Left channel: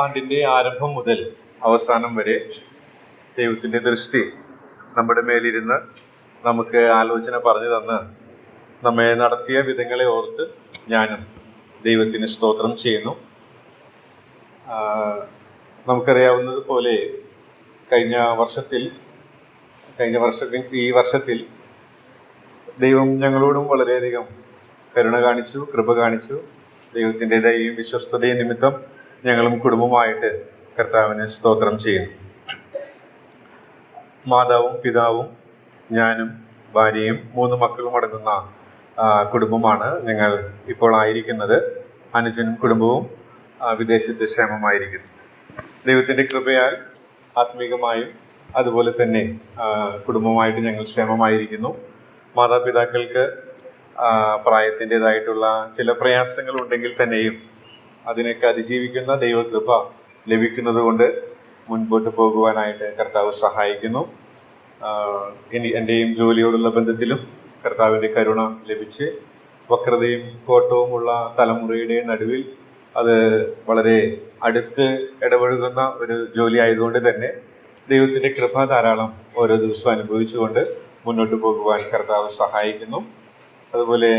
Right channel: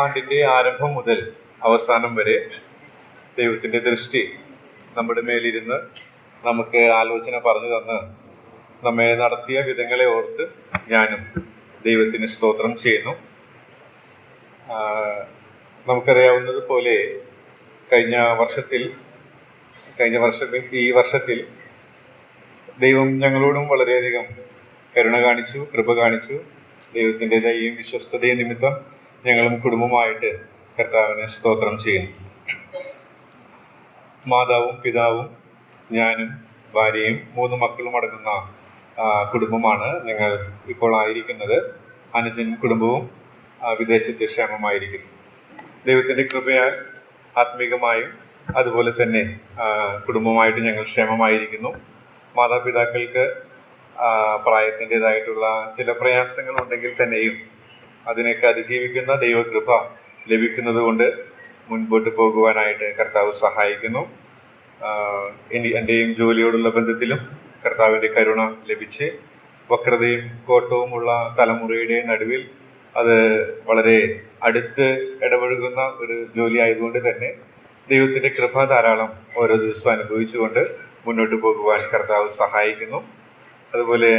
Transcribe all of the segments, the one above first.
ആണ്ടിന്റെ ആരംഭം മുതൽ അവസാനം വരെ ദൈവത്തിന്റെ ദൃഷ്ടി നമ്മുടെ മേലിരുന്ന് നമുക്ക് ആലോചന പറഞ്ഞു തന്ന് നമ്മെ നടത്തിയ വിധങ്ങളെ ഓർത്ത് ഞാനും ദൈവത്തിന് സ്തോത്രം ചെയ്യുന്നു. നമുക്കറിയാവുന്നത് പോലെ കഴിഞ്ഞ വർഷത്തിൽ ഈ വർഷത്തിൽ ദൈവം ഞങ്ങളോടും വളരെയധികം കരുണ കാണിച്ചു, കൃപ കാണിച്ചു. ദൈവത്തിന്റെ ദയയും വിശ്വസ്തതയും നിമിത്തം ഞങ്ങളും കുടുംബമായിട്ട് കർത്താവിനെ സ്തോത്രം ചെയ്യുന്നു. മാതാവും പിതാവും ഞാനും ഭാര്യയും 3 മക്കളും അടങ്ങുന്ന കുടുംബമാണ് ഞങ്ങൾ ഇപ്പോൾ ആയിരിക്കുന്നത്. അനുജൻ കുടുംബവും വിദേശത്ത് ക്ഷേമമായിരിക്കുന്നു. ദൈവത്തിന്റെ കൃപയാൽ ആത്മീകമായും അതുപോലെ തന്നെ കുടുംബമായിട്ട് ഞങ്ങൾ ക്ഷേമമായിരിക്കുന്നു. മാതാപിതാക്കൾക്ക് പ്രായത്തിൻ്റെതായിട്ടുള്ള ചില പ്രയാസങ്ങൾ ഉണ്ടെങ്കിൽ തന്നെയും അതിനൊക്കെ അതിജീവിക്കുന്ന ദൈവകൃപ ലഭിക്കുന്നത് കൊണ്ട് മുൻപോട്ട് പോകുവാനായിട്ട് കർത്താവ് സഹായിക്കുന്നു. എൻ്റെയും ജോലിയോടുള്ള ബന്ധത്തിലും കർത്താവിൻ്റെ കരുണ ലഭിച്ച് വക്രതയും കോട്ടവുമുള്ള തലമുറയുടെ നടുവിൽ അത് വളരെ അടുത്ത് ഇടപഴകുന്ന ഒരു ജോലി ആയതുകൊണ്ട് തന്നെ ദൈവത്തിൻ്റെ കൃപ ധാരാളം ഓരോ ദിവസവും അനുഭവിച്ചുകൊണ്ട് മുന്നോട്ട് പോകുവാൻ കർത്താവ് സഹായിക്കുന്നു. അതുപോലെ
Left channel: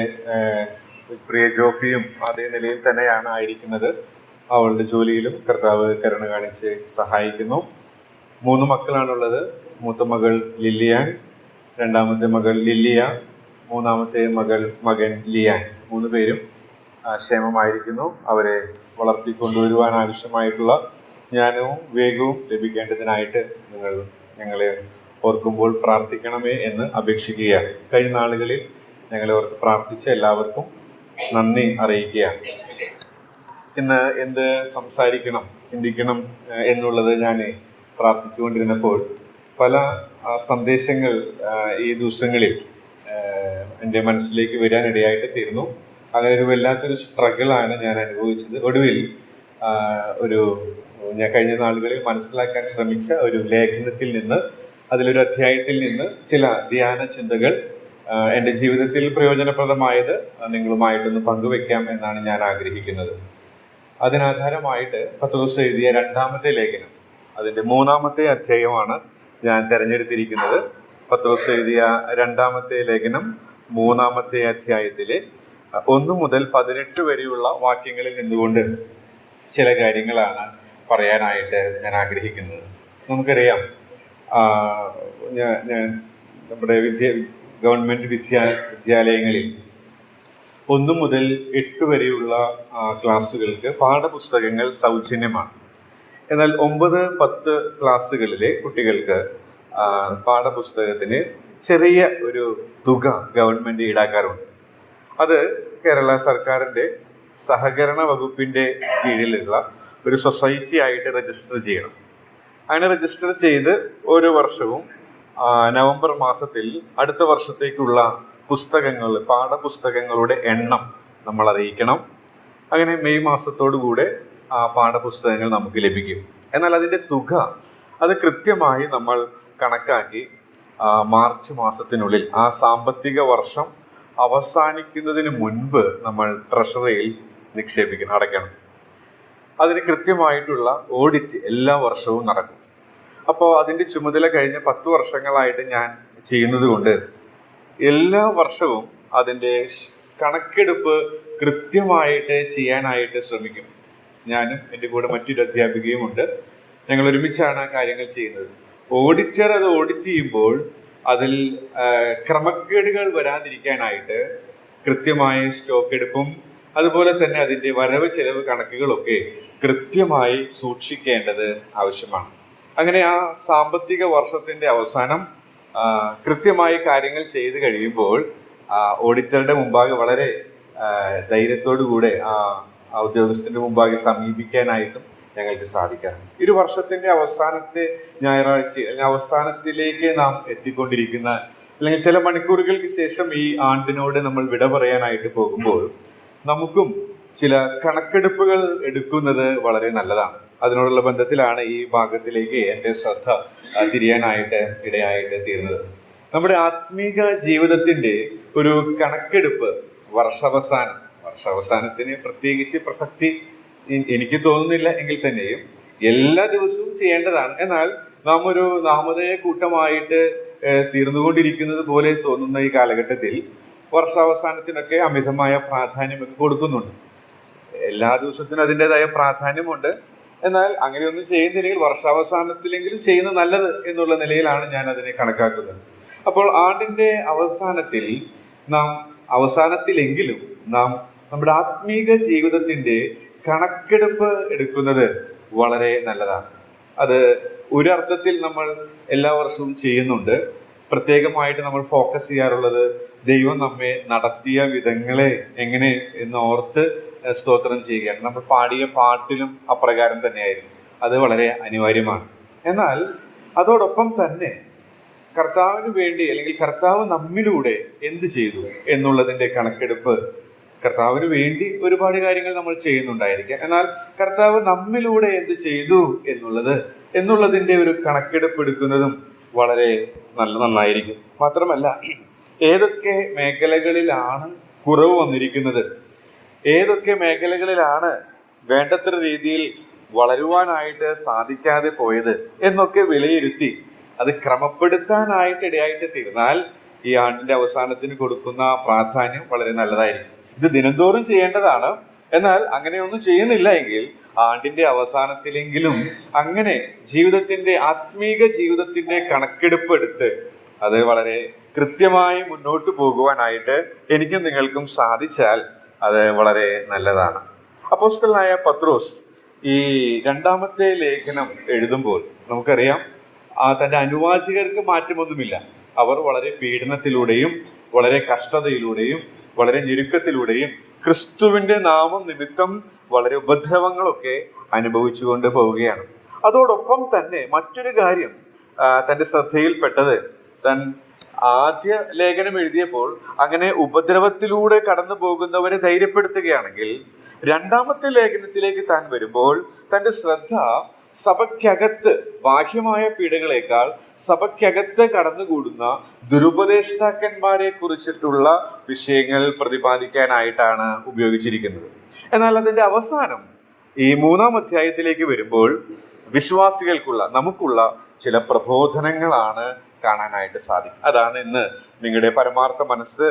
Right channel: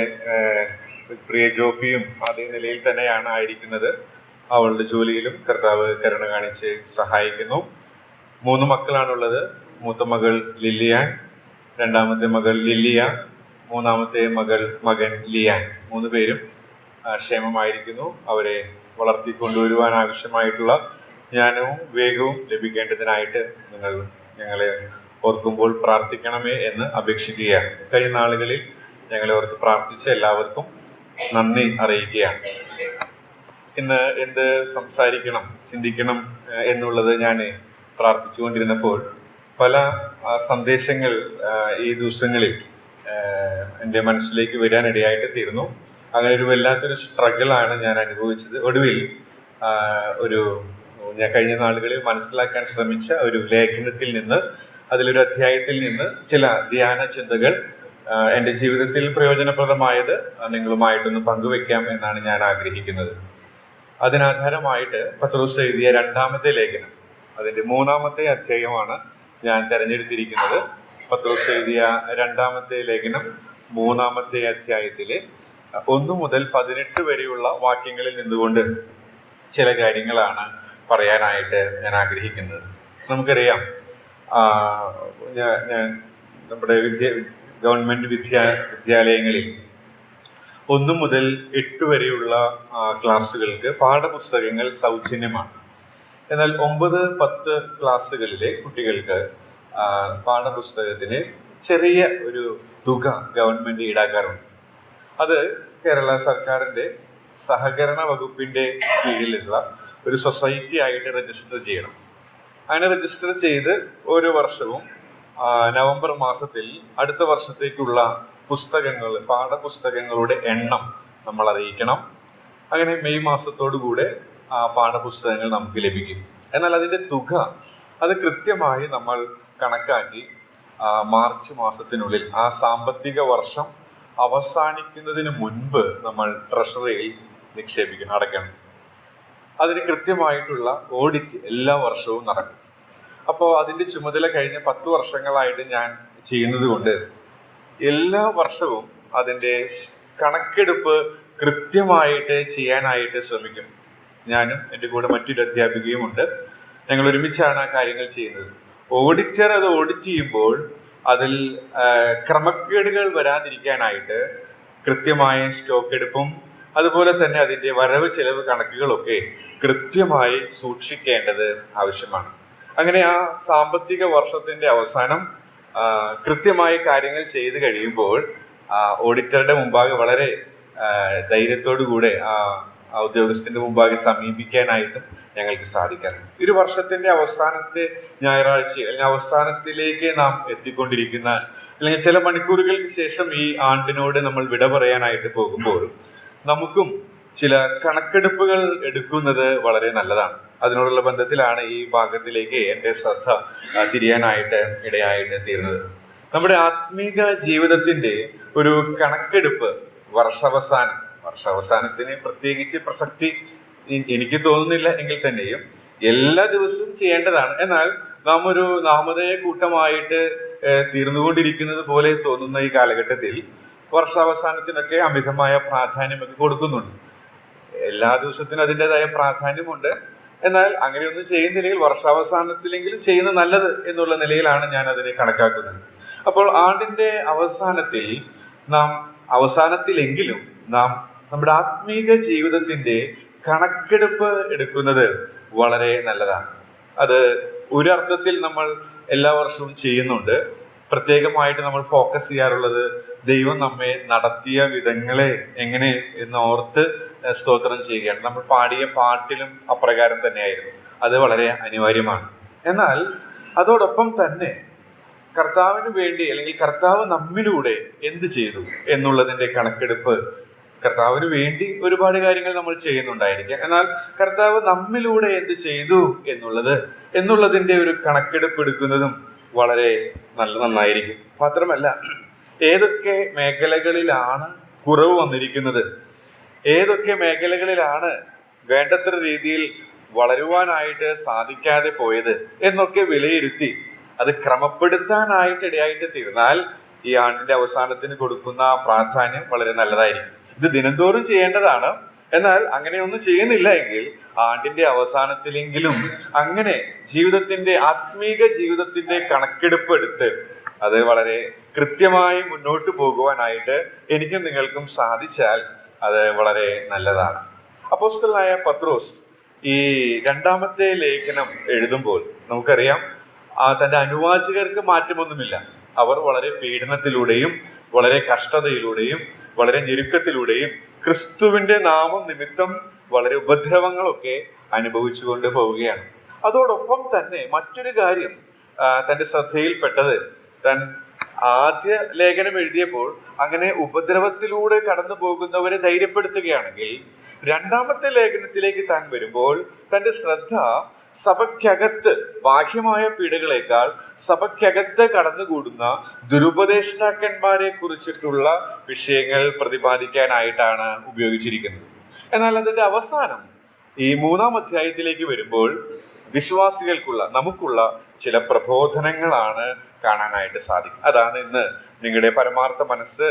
പ്രിയ ജോഫിയും അതേ നിലയിൽ തന്നെയാണ് ആയിരിക്കുന്നത്. അവളുടെ ജോലിയിലും കർത്താവ് കരുണ കാണിച്ച് സഹായിക്കുന്നു. 3 മക്കളാണുള്ളത്. മൂത്ത മകൾ ലില്ലിയാൻ, രണ്ടാമത്തെ മകൾ ലില്ലിയ, മൂന്നാമത്തെ മകൻ ലിയാൻ. 3 പേരും ക്ഷേമമായിരിക്കുന്നു. അവരെ വളർത്തിക്കൊണ്ടുവരുവാൻ ആവശ്യമായിട്ടുള്ള ജ്ഞാനവും വേഗവും ലഭിക്കേണ്ടതിനായിട്ട് ഞങ്ങളെ ഓർക്കുമ്പോൾ പ്രാർത്ഥിക്കണമേ എന്ന് അപേക്ഷിക്കുകയാണ്. കഴിഞ്ഞ നാളുകളിൽ ഞങ്ങളെ ഓർത്ത് പ്രാർത്ഥിച്ച എല്ലാവർക്കും നന്ദി അറിയിക്കുകയാണ്. ഇന്ന് എന്ത് സംസാരിക്കണം, ചിന്തിക്കണം എന്നുള്ളത് ഞാൻ പ്രാർത്ഥിച്ചുകൊണ്ടിരുന്നപ്പോൾ പല സന്ദേശങ്ങൾ ഈ ദിവസങ്ങളിൽ എൻ്റെ മനസ്സിലേക്ക് വരാനിടയായിട്ട് തീർന്നു. അങ്ങനെ ഒരു വല്ലാത്തൊരു സ്ട്രഗിളാണ് ഞാൻ അനുഭവിച്ചത്. ഒടുവിൽ ഞാൻ കഴിഞ്ഞ നാളുകളിൽ മനസ്സിലാക്കാൻ ശ്രമിച്ച ഒരു ലേഖനത്തിൽ നിന്ന്, അതിലൊരു അധ്യായത്തിൽ നിന്ന് ചില ധ്യാന ചിന്തകൾ എൻ്റെ ജീവിതത്തിൽ പ്രയോജനപ്രദമായത് നിങ്ങളുമായിട്ടൊന്ന് പങ്കുവെക്കാം എന്നാണ് ഞാൻ ആഗ്രഹിക്കുന്നത്. അതിനാധാരമായിട്ട് പത്രോസ് എഴുതിയ 2-ാമത്തെ ലേഖനം, അതിൻ്റെ 3-ാമത്തെ അധ്യായമാണ് ഞാൻ തിരഞ്ഞെടുത്തിരിക്കുന്നത്. പത്രോസ് എഴുതിയ 2-ാമത്തെ ലേഖനം 3-ാമത്തെ അധ്യായത്തിലെ 1 മുതൽ 18 വരെയുള്ള വാക്യങ്ങളിൽ നിന്നുകൊണ്ട് ചില കാര്യങ്ങളാണ് പറയാനായിട്ട് ഞാൻ ആഗ്രഹിക്കുന്നത്. നമുക്കറിയാം, ഞാൻ നമ്മുടെ ഗവൺമെന്റ് വിദ്യാലയങ്ങളിൽ 1 മുതൽ 8 വരെയുള്ള ക്ലാസ്സുകൾക്ക് പാഠപുസ്തകങ്ങൾ സൗജന്യമാണ്. എന്നാൽ 9, 10 ക്ലാസ്സുകളിലെ കുട്ടികൾക്ക് പാഠപുസ്തകത്തിന് ചെറിയ ഒരു തുക ഗവൺമെന്റ് ഈടാക്കാറുണ്ട്. അത് കേരള സർക്കാരിന്റെ സഹകരണ വകുപ്പിന്റെ കീഴിലുള്ള ഒരു സൊസൈറ്റി ആയിട്ട് രജിസ്റ്റർ ചെയ്യണം. അങ്ങനെ രജിസ്റ്റർ ചെയ്ത് ഓരോ വർഷവും നവംബർ മാസത്തിൽ അടുത്ത വർഷത്തേക്കുള്ള പാഠപുസ്തകങ്ങളുടെ എണ്ണം നമ്മൾ അറിയിക്കണം. അങ്ങനെ മെയ് മാസത്തോടുകൂടെ ആ പാഠപുസ്തകങ്ങൾ നമുക്ക് ലഭിക്കും. എന്നാൽ അതിൻ്റെ തുക അത് കൃത്യമായി നമ്മൾ കണക്കാക്കി മാർച്ച് മാസത്തിനുള്ളിൽ, ആ സാമ്പത്തിക വർഷം അവസാനിക്കുന്നതിന് മുൻപ് നമ്മൾ ട്രഷറിയിൽ അടയ്ക്കണം. അതിന് കൃത്യമായിട്ടുള്ള ഓഡിറ്റ് എല്ലാ വർഷവും നടക്കും. അപ്പോൾ അതിൻ്റെ ചുമതല കഴിഞ്ഞ 10 വർഷങ്ങളായിട്ട് ഞാൻ ചെയ്യുന്നത് കൊണ്ട് എല്ലാ വർഷവും അതിൻ്റെ കണക്കെടുപ്പ് കൃത്യമായിട്ട് ചെയ്യാനായിട്ട് ശ്രമിക്കും. ഞാനും എൻ്റെ കൂടെ മറ്റൊരു അധ്യാപികയും ഉണ്ട്. ഞങ്ങൾ ഒരുമിച്ചാണ് ആ കാര്യങ്ങൾ ചെയ്യുന്നത്. ഓഡിറ്റർ അത് ഓഡിറ്റ് ചെയ്യുമ്പോൾ അതിൽ ക്രമക്കേടുകൾ വരാതിരിക്കാനായിട്ട് കൃത്യമായ സ്റ്റോക്ക് എടുപ്പും അതുപോലെ തന്നെ അതിൻ്റെ വരവ് ചെലവ് കണക്കുകളൊക്കെ കൃത്യമായി സൂക്ഷിക്കേണ്ടത് ആവശ്യമാണ്. അങ്ങനെ ആ സാമ്പത്തിക വർഷത്തിന്റെ അവസാനം കൃത്യമായി കാര്യങ്ങൾ ചെയ്തു കഴിയുമ്പോൾ ഓഡിറ്ററുടെ മുമ്പാകെ വളരെ ധൈര്യത്തോടുകൂടെ ആ ഉദ്യോഗസ്ഥന്റെ മുമ്പാകെ സമീപിക്കാനായിട്ടും ഞങ്ങൾക്ക് സാധിക്കാറുണ്ട്. ഒരു വർഷത്തിന്റെ അവസാനത്തെ ഞായറാഴ്ച അല്ലെങ്കിൽ അവസാനത്തിലേക്ക് നാം എത്തിക്കൊണ്ടിരിക്കുന്ന, അല്ലെങ്കിൽ ചില മണിക്കൂറുകൾക്ക് ശേഷം ഈ ആണ്ടിനോട് നമ്മൾ വിട പറയാനായിട്ട് പോകുമ്പോൾ നമുക്കും ചില കണക്കെടുപ്പുകൾ എടുക്കുന്നത് വളരെ നല്ലതാണ്. അതിനോടുള്ള ബന്ധത്തിലാണ് ഈ ഭാഗത്തിലേക്ക് എൻ്റെ ശ്രദ്ധ തിരിയാനായിട്ട് ഇടയായിട്ട് തീർന്നത്. നമ്മുടെ ആത്മീക ജീവിതത്തിന്റെ ഒരു കണക്കെടുപ്പ് വർഷാവസാനത്തിന് പ്രത്യേകിച്ച് പ്രസക്തി എനിക്ക് തോന്നുന്നില്ല എങ്കിൽ തന്നെയും എല്ലാ ദിവസവും ചെയ്യേണ്ടതാണ്. എന്നാൽ നാം ഒരു നാമധേയ കൂട്ടമായിട്ട് തീർന്നുകൊണ്ടിരിക്കുന്നത് പോലെ തോന്നുന്ന ഈ കാലഘട്ടത്തിൽ വർഷാവസാനത്തിനൊക്കെ അമിതമായ പ്രാധാന്യമൊക്കെ കൊടുക്കുന്നുണ്ട്. എല്ലാ ദിവസത്തിനും അതിൻ്റെതായ പ്രാധാന്യമുണ്ട്. എന്നാൽ അങ്ങനെയൊന്നും ചെയ്യുന്നില്ലെങ്കിൽ വർഷാവസാനത്തിലെങ്കിലും ചെയ്യുന്നത് നല്ലത് എന്നുള്ള നിലയിലാണ് ഞാൻ അതിനെ കണക്കാക്കുന്നത്. അപ്പോൾ ആണ്ടിന്റെ അവസാനത്തിലെങ്കിലും നാം നമ്മുടെ ആത്മീക ജീവിതത്തിന്റെ കണക്കെടുപ്പ് എടുക്കുന്നത് വളരെ നല്ലതാണ്. അത് ഒരർത്ഥത്തിൽ നമ്മൾ എല്ലാ വർഷവും ചെയ്യുന്നുണ്ട്. പ്രത്യേകമായിട്ട് നമ്മൾ ഫോക്കസ് ചെയ്യാറുള്ളത് ദൈവം നമ്മെ നടത്തിയ വിധങ്ങളെ എങ്ങനെ എന്ന് ഓർത്ത് സ്തോത്രം ചെയ്യുകയാണ്. നമ്മൾ പാടിയ പാട്ടിലും അപ്രകാരം തന്നെയായിരുന്നു. അത് വളരെ അനിവാര്യമാണ്. എന്നാൽ അതോടൊപ്പം തന്നെ കർത്താവിന് വേണ്ടി അല്ലെങ്കിൽ കർത്താവ് നമ്മിലൂടെ എന്ത് ചെയ്തു എന്നുള്ളതിന്റെ കണക്കെടുപ്പ്, കർത്താവിന് വേണ്ടി ഒരുപാട് കാര്യങ്ങൾ നമ്മൾ ചെയ്യുന്നുണ്ടായിരിക്കാം. എന്നാൽ കർത്താവ് നമ്മിലൂടെ എന്ത് ചെയ്തു എന്നുള്ളതിന്റെ ഒരു കണക്കെടുപ്പ് എടുക്കുന്നതും വളരെ നന്നായിരിക്കും. മാത്രമല്ല, ഏതൊക്കെ മേഖലകളിലാണ് കുറവ് വന്നിരിക്കുന്നത്, ഏതൊക്കെ മേഖലകളിലാണ് വേണ്ടത്ര രീതിയിൽ വളരുവാനായിട്ട് സാധിക്കാതെ പോയത് എന്നൊക്കെ വിലയിരുത്തി അത് ക്രമപ്പെടുത്താനായിട്ട് ഇടയായിട്ട് തീർന്നാൽ ഈ ആണ്ടിന്റെ അവസാനത്തിന് കൊടുക്കുന്ന പ്രാധാന്യം വളരെ നല്ലതായിരിക്കും. ഇത് ദിനംതോറും ചെയ്യേണ്ടതാണ്. എന്നാൽ അങ്ങനെയൊന്നും ചെയ്യുന്നില്ല എങ്കിൽ ആണ്ടിന്റെ അവസാനത്തിലെങ്കിലും അങ്ങനെ ആത്മീക ജീവിതത്തിന്റെ കണക്കെടുപ്പ് എടുത്ത് അത് വളരെ കൃത്യമായി മുന്നോട്ട് പോകുവാനായിട്ട് എനിക്കും നിങ്ങൾക്കും സാധിച്ചാൽ അത് വളരെ നല്ലതാണ്. അപ്പോസ്തലനായ പത്രോസ് ഈ രണ്ടാമത്തെ ലേഖനം എഴുതുമ്പോൾ നമുക്കറിയാം, തന്റെ അനുവാചകർക്ക് മാറ്റമൊന്നുമില്ല. അവർ വളരെ പീഡനത്തിലൂടെയും വളരെ കഷ്ടതയിലൂടെയും വളരെ ഞെരുക്കത്തിലൂടെയും ക്രിസ്തുവിന്റെ നാമം നിമിത്തം വളരെ ഉപദ്രവങ്ങളൊക്കെ അനുഭവിച്ചുകൊണ്ട് പോവുകയാണ്. അതോടൊപ്പം തന്നെ മറ്റൊരു കാര്യം തന്റെ ശ്രദ്ധയിൽപ്പെട്ടത്, താൻ ആദ്യ ലേഖനം എഴുതിയപ്പോൾ അങ്ങനെ ഉപദ്രവത്തിലൂടെ കടന്നു പോകുന്നവരെ ധൈര്യപ്പെടുത്തുകയാണെങ്കിൽ രണ്ടാമത്തെ ലേഖനത്തിലേക്ക് താൻ വരുമ്പോൾ തന്റെ ശ്രദ്ധ സഭയ്ക്കകത്ത് ബാഹ്യമായ പീഡകളേക്കാൾ സഭയ്ക്കകത്ത് കടന്നുകൂടുന്ന ദുരുപദേഷ്ടാക്കന്മാരെ കുറിച്ചിട്ടുള്ള വിഷയങ്ങൾ പ്രതിപാദിക്കാനായിട്ടാണ് ഉപയോഗിച്ചിരിക്കുന്നത്. എന്നാൽ അതിന്റെ അവസാനം ഈ 3-ാം അധ്യായത്തിലേക്ക് വരുമ്പോൾ നമുക്കുള്ള ചില പ്രബോധനങ്ങളാണ് കാണാനായിട്ട് സാധിക്കും. അതാണ് ഇന്ന് നിങ്ങളുടെ പരമാർത്ഥ മനസ്സ്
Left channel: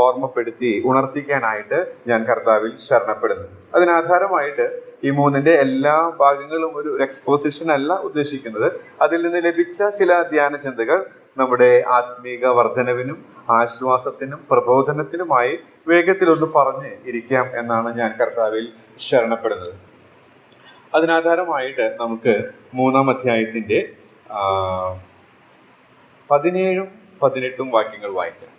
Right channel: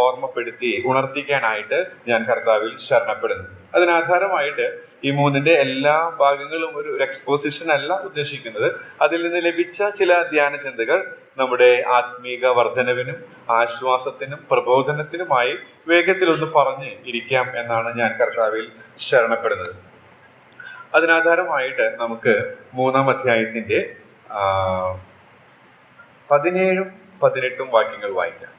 ഓർമ്മപ്പെടുത്തി ഉണർത്തിക്കാനായിട്ട് ഞാൻ കർത്താവിൽ ശരണപ്പെടുന്നു. അതിനാധാരമായിട്ട് ഈ 3-ന്റെ എല്ലാ ഭാഗങ്ങളും ഒരു എക്സ്പോസിഷൻ അല്ല ഉദ്ദേശിക്കുന്നത്. അതിൽ നിന്ന് ലഭിച്ച ചില ധ്യാന ചിന്തകൾ നമ്മുടെ ആത്മീക വർധനവിനും ആശ്വാസത്തിനും പ്രബോധനത്തിനുമായി വേഗത്തിലൊന്ന് പറഞ്ഞ് ഇരിക്കാം എന്നാണ് ഞാൻ കർത്താവിൽ ശരണപ്പെടുന്നത്. അതിനാധാരമായിട്ട് നമുക്ക് 3-ാം അധ്യായത്തിന്റെ 17-ഉം 18-ഉം വാക്യങ്ങൾ വായിക്കാം.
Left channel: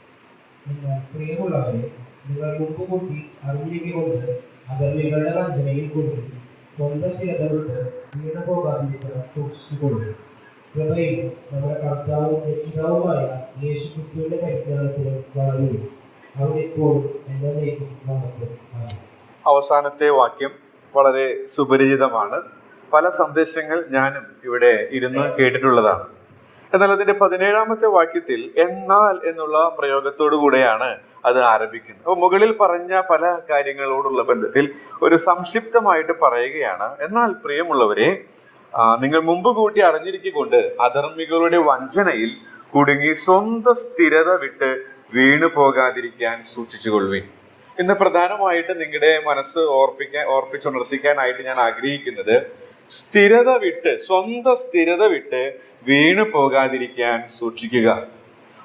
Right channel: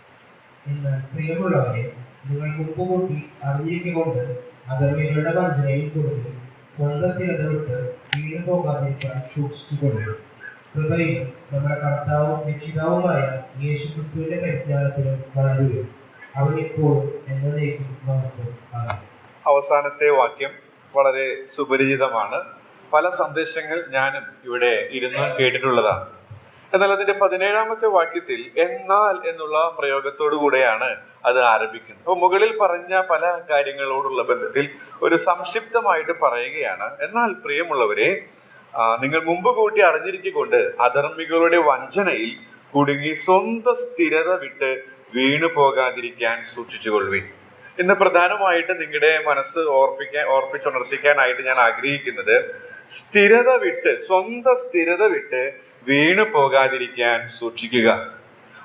പ്രിയമുള്ളവരെ, നിങ്ങൾ മുമ്പുകൂട്ടി അറിഞ്ഞിരിക്കൊണ്ട് അധർമ്മികളുടെ വഞ്ചനയിൽ കൊടുക്കും സ്വന്തം സ്ഥിരത വിട്ട് വീണു പോകാതിരിക്കാൻ സൂക്ഷിച്ചുകൊള്ളുക. കൃപയിലും നമ്മുടെ കർത്താവും രക്ഷിതാവുമായ യേശു ക്രിസ്തുവിന്റെ പരിജ്ഞാനത്തിലും വളരുക. അവൻ ഇപ്പോഴും എന്നേക്കും മഹത്വം. അവസാനത്തെ വാക്യം വളരെ സുപരിചിതമാണ്. പല സന്ദേശങ്ങൾ ഞാനും ഇവിടെ ഇരുന്ന് കേട്ടിട്ടുള്ളതാണ്. എന്നാൽ അതിന്റെ 17-ാമത്തെ വാക്യത്തിൽ എന്നാൽ എന്നുള്ള പ്രയോഗത്തോടു കൂടെയാണ് അത് ആരംഭിക്കുന്നത്. അപ്പോൾ മുകളിൽ പറഞ്ഞ പല കാര്യങ്ങളോടുള്ള ബന്ധത്തിൽ ഒരു സംക്ഷിപ്തമായിട്ട് പറയുകയാണ്. എന്നാൽ പ്രിയമുള്ളവരെ, നിങ്ങൾ മുമ്പ് കൂട്ടി അറിഞ്ഞിരിക്കൊണ്ട് അധർമ്മികളുടെ വഞ്ചനയിൽ കുടുങ്ങി സ്വന്തം സ്ഥിരത വിട്ട് വീണു പോകാതിരിക്കാൻ സൂക്ഷിച്ചുകൊള്ളുവിൻ. ഇന്ന് പ്രധാനമായിട്ട് നിങ്ങളുടെ മനസ്സ് ഓർപ്പിച്ചുണർത്തിക്കാനായിട്ട് ഞാൻ ആഗ്രഹിക്കുന്നത്, സ്വന്തം സ്ഥിരത വിട്ട് വീണു പോകാതിരിക്കാൻ സൂക്ഷിക്കുക,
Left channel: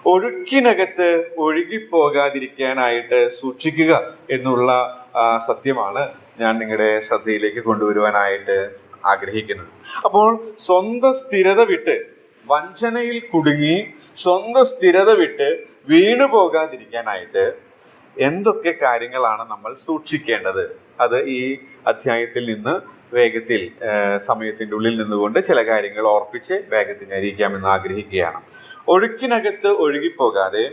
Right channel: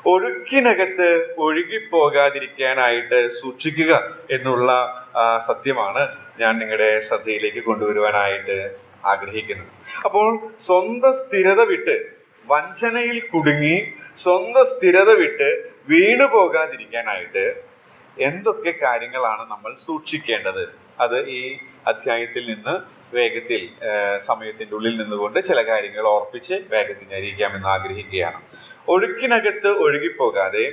ഒഴുക്കിനകത്ത് ഒഴുകിപ്പോകാതിരിക്കാനായിട്ട് സൂക്ഷിക്കുക എന്നുള്ള സത്യമാണ് ഞാൻ നിങ്ങളുടെ ശ്രദ്ധയിലേക്ക് കൊണ്ടുവരുവാനായിട്ട് ആഗ്രഹിക്കുന്നത്. അപ്പോൾ സ്വന്തം സ്ഥിരത വിട്ട്, വഞ്ചനയിൽ കുടുങ്ങി സ്വന്തം സ്ഥിരത വിട്ട് വീണു പോകാതിരിക്കാനായിട്ട് എന്തൊക്കെ കാര്യങ്ങളാണ് നമ്മൾ സൂക്ഷിക്കേണ്ടത്? അത് ഈ അധ്യായത്തിൽ നിന്ന് വേഗത്തിൽ സമയത്തിന്റെ ഉള്ളിൽ നിന്നുകൊണ്ട് ചില കാര്യങ്ങൾ ഓർപ്പിച്ച് വേഗത്തിന് അറിയിക്കാമെന്ന് ആഗ്രഹിക്കുകയാണ്. ഒഴുക്കിനകത്ത് ഒഴുകിപ്പോകാതെ,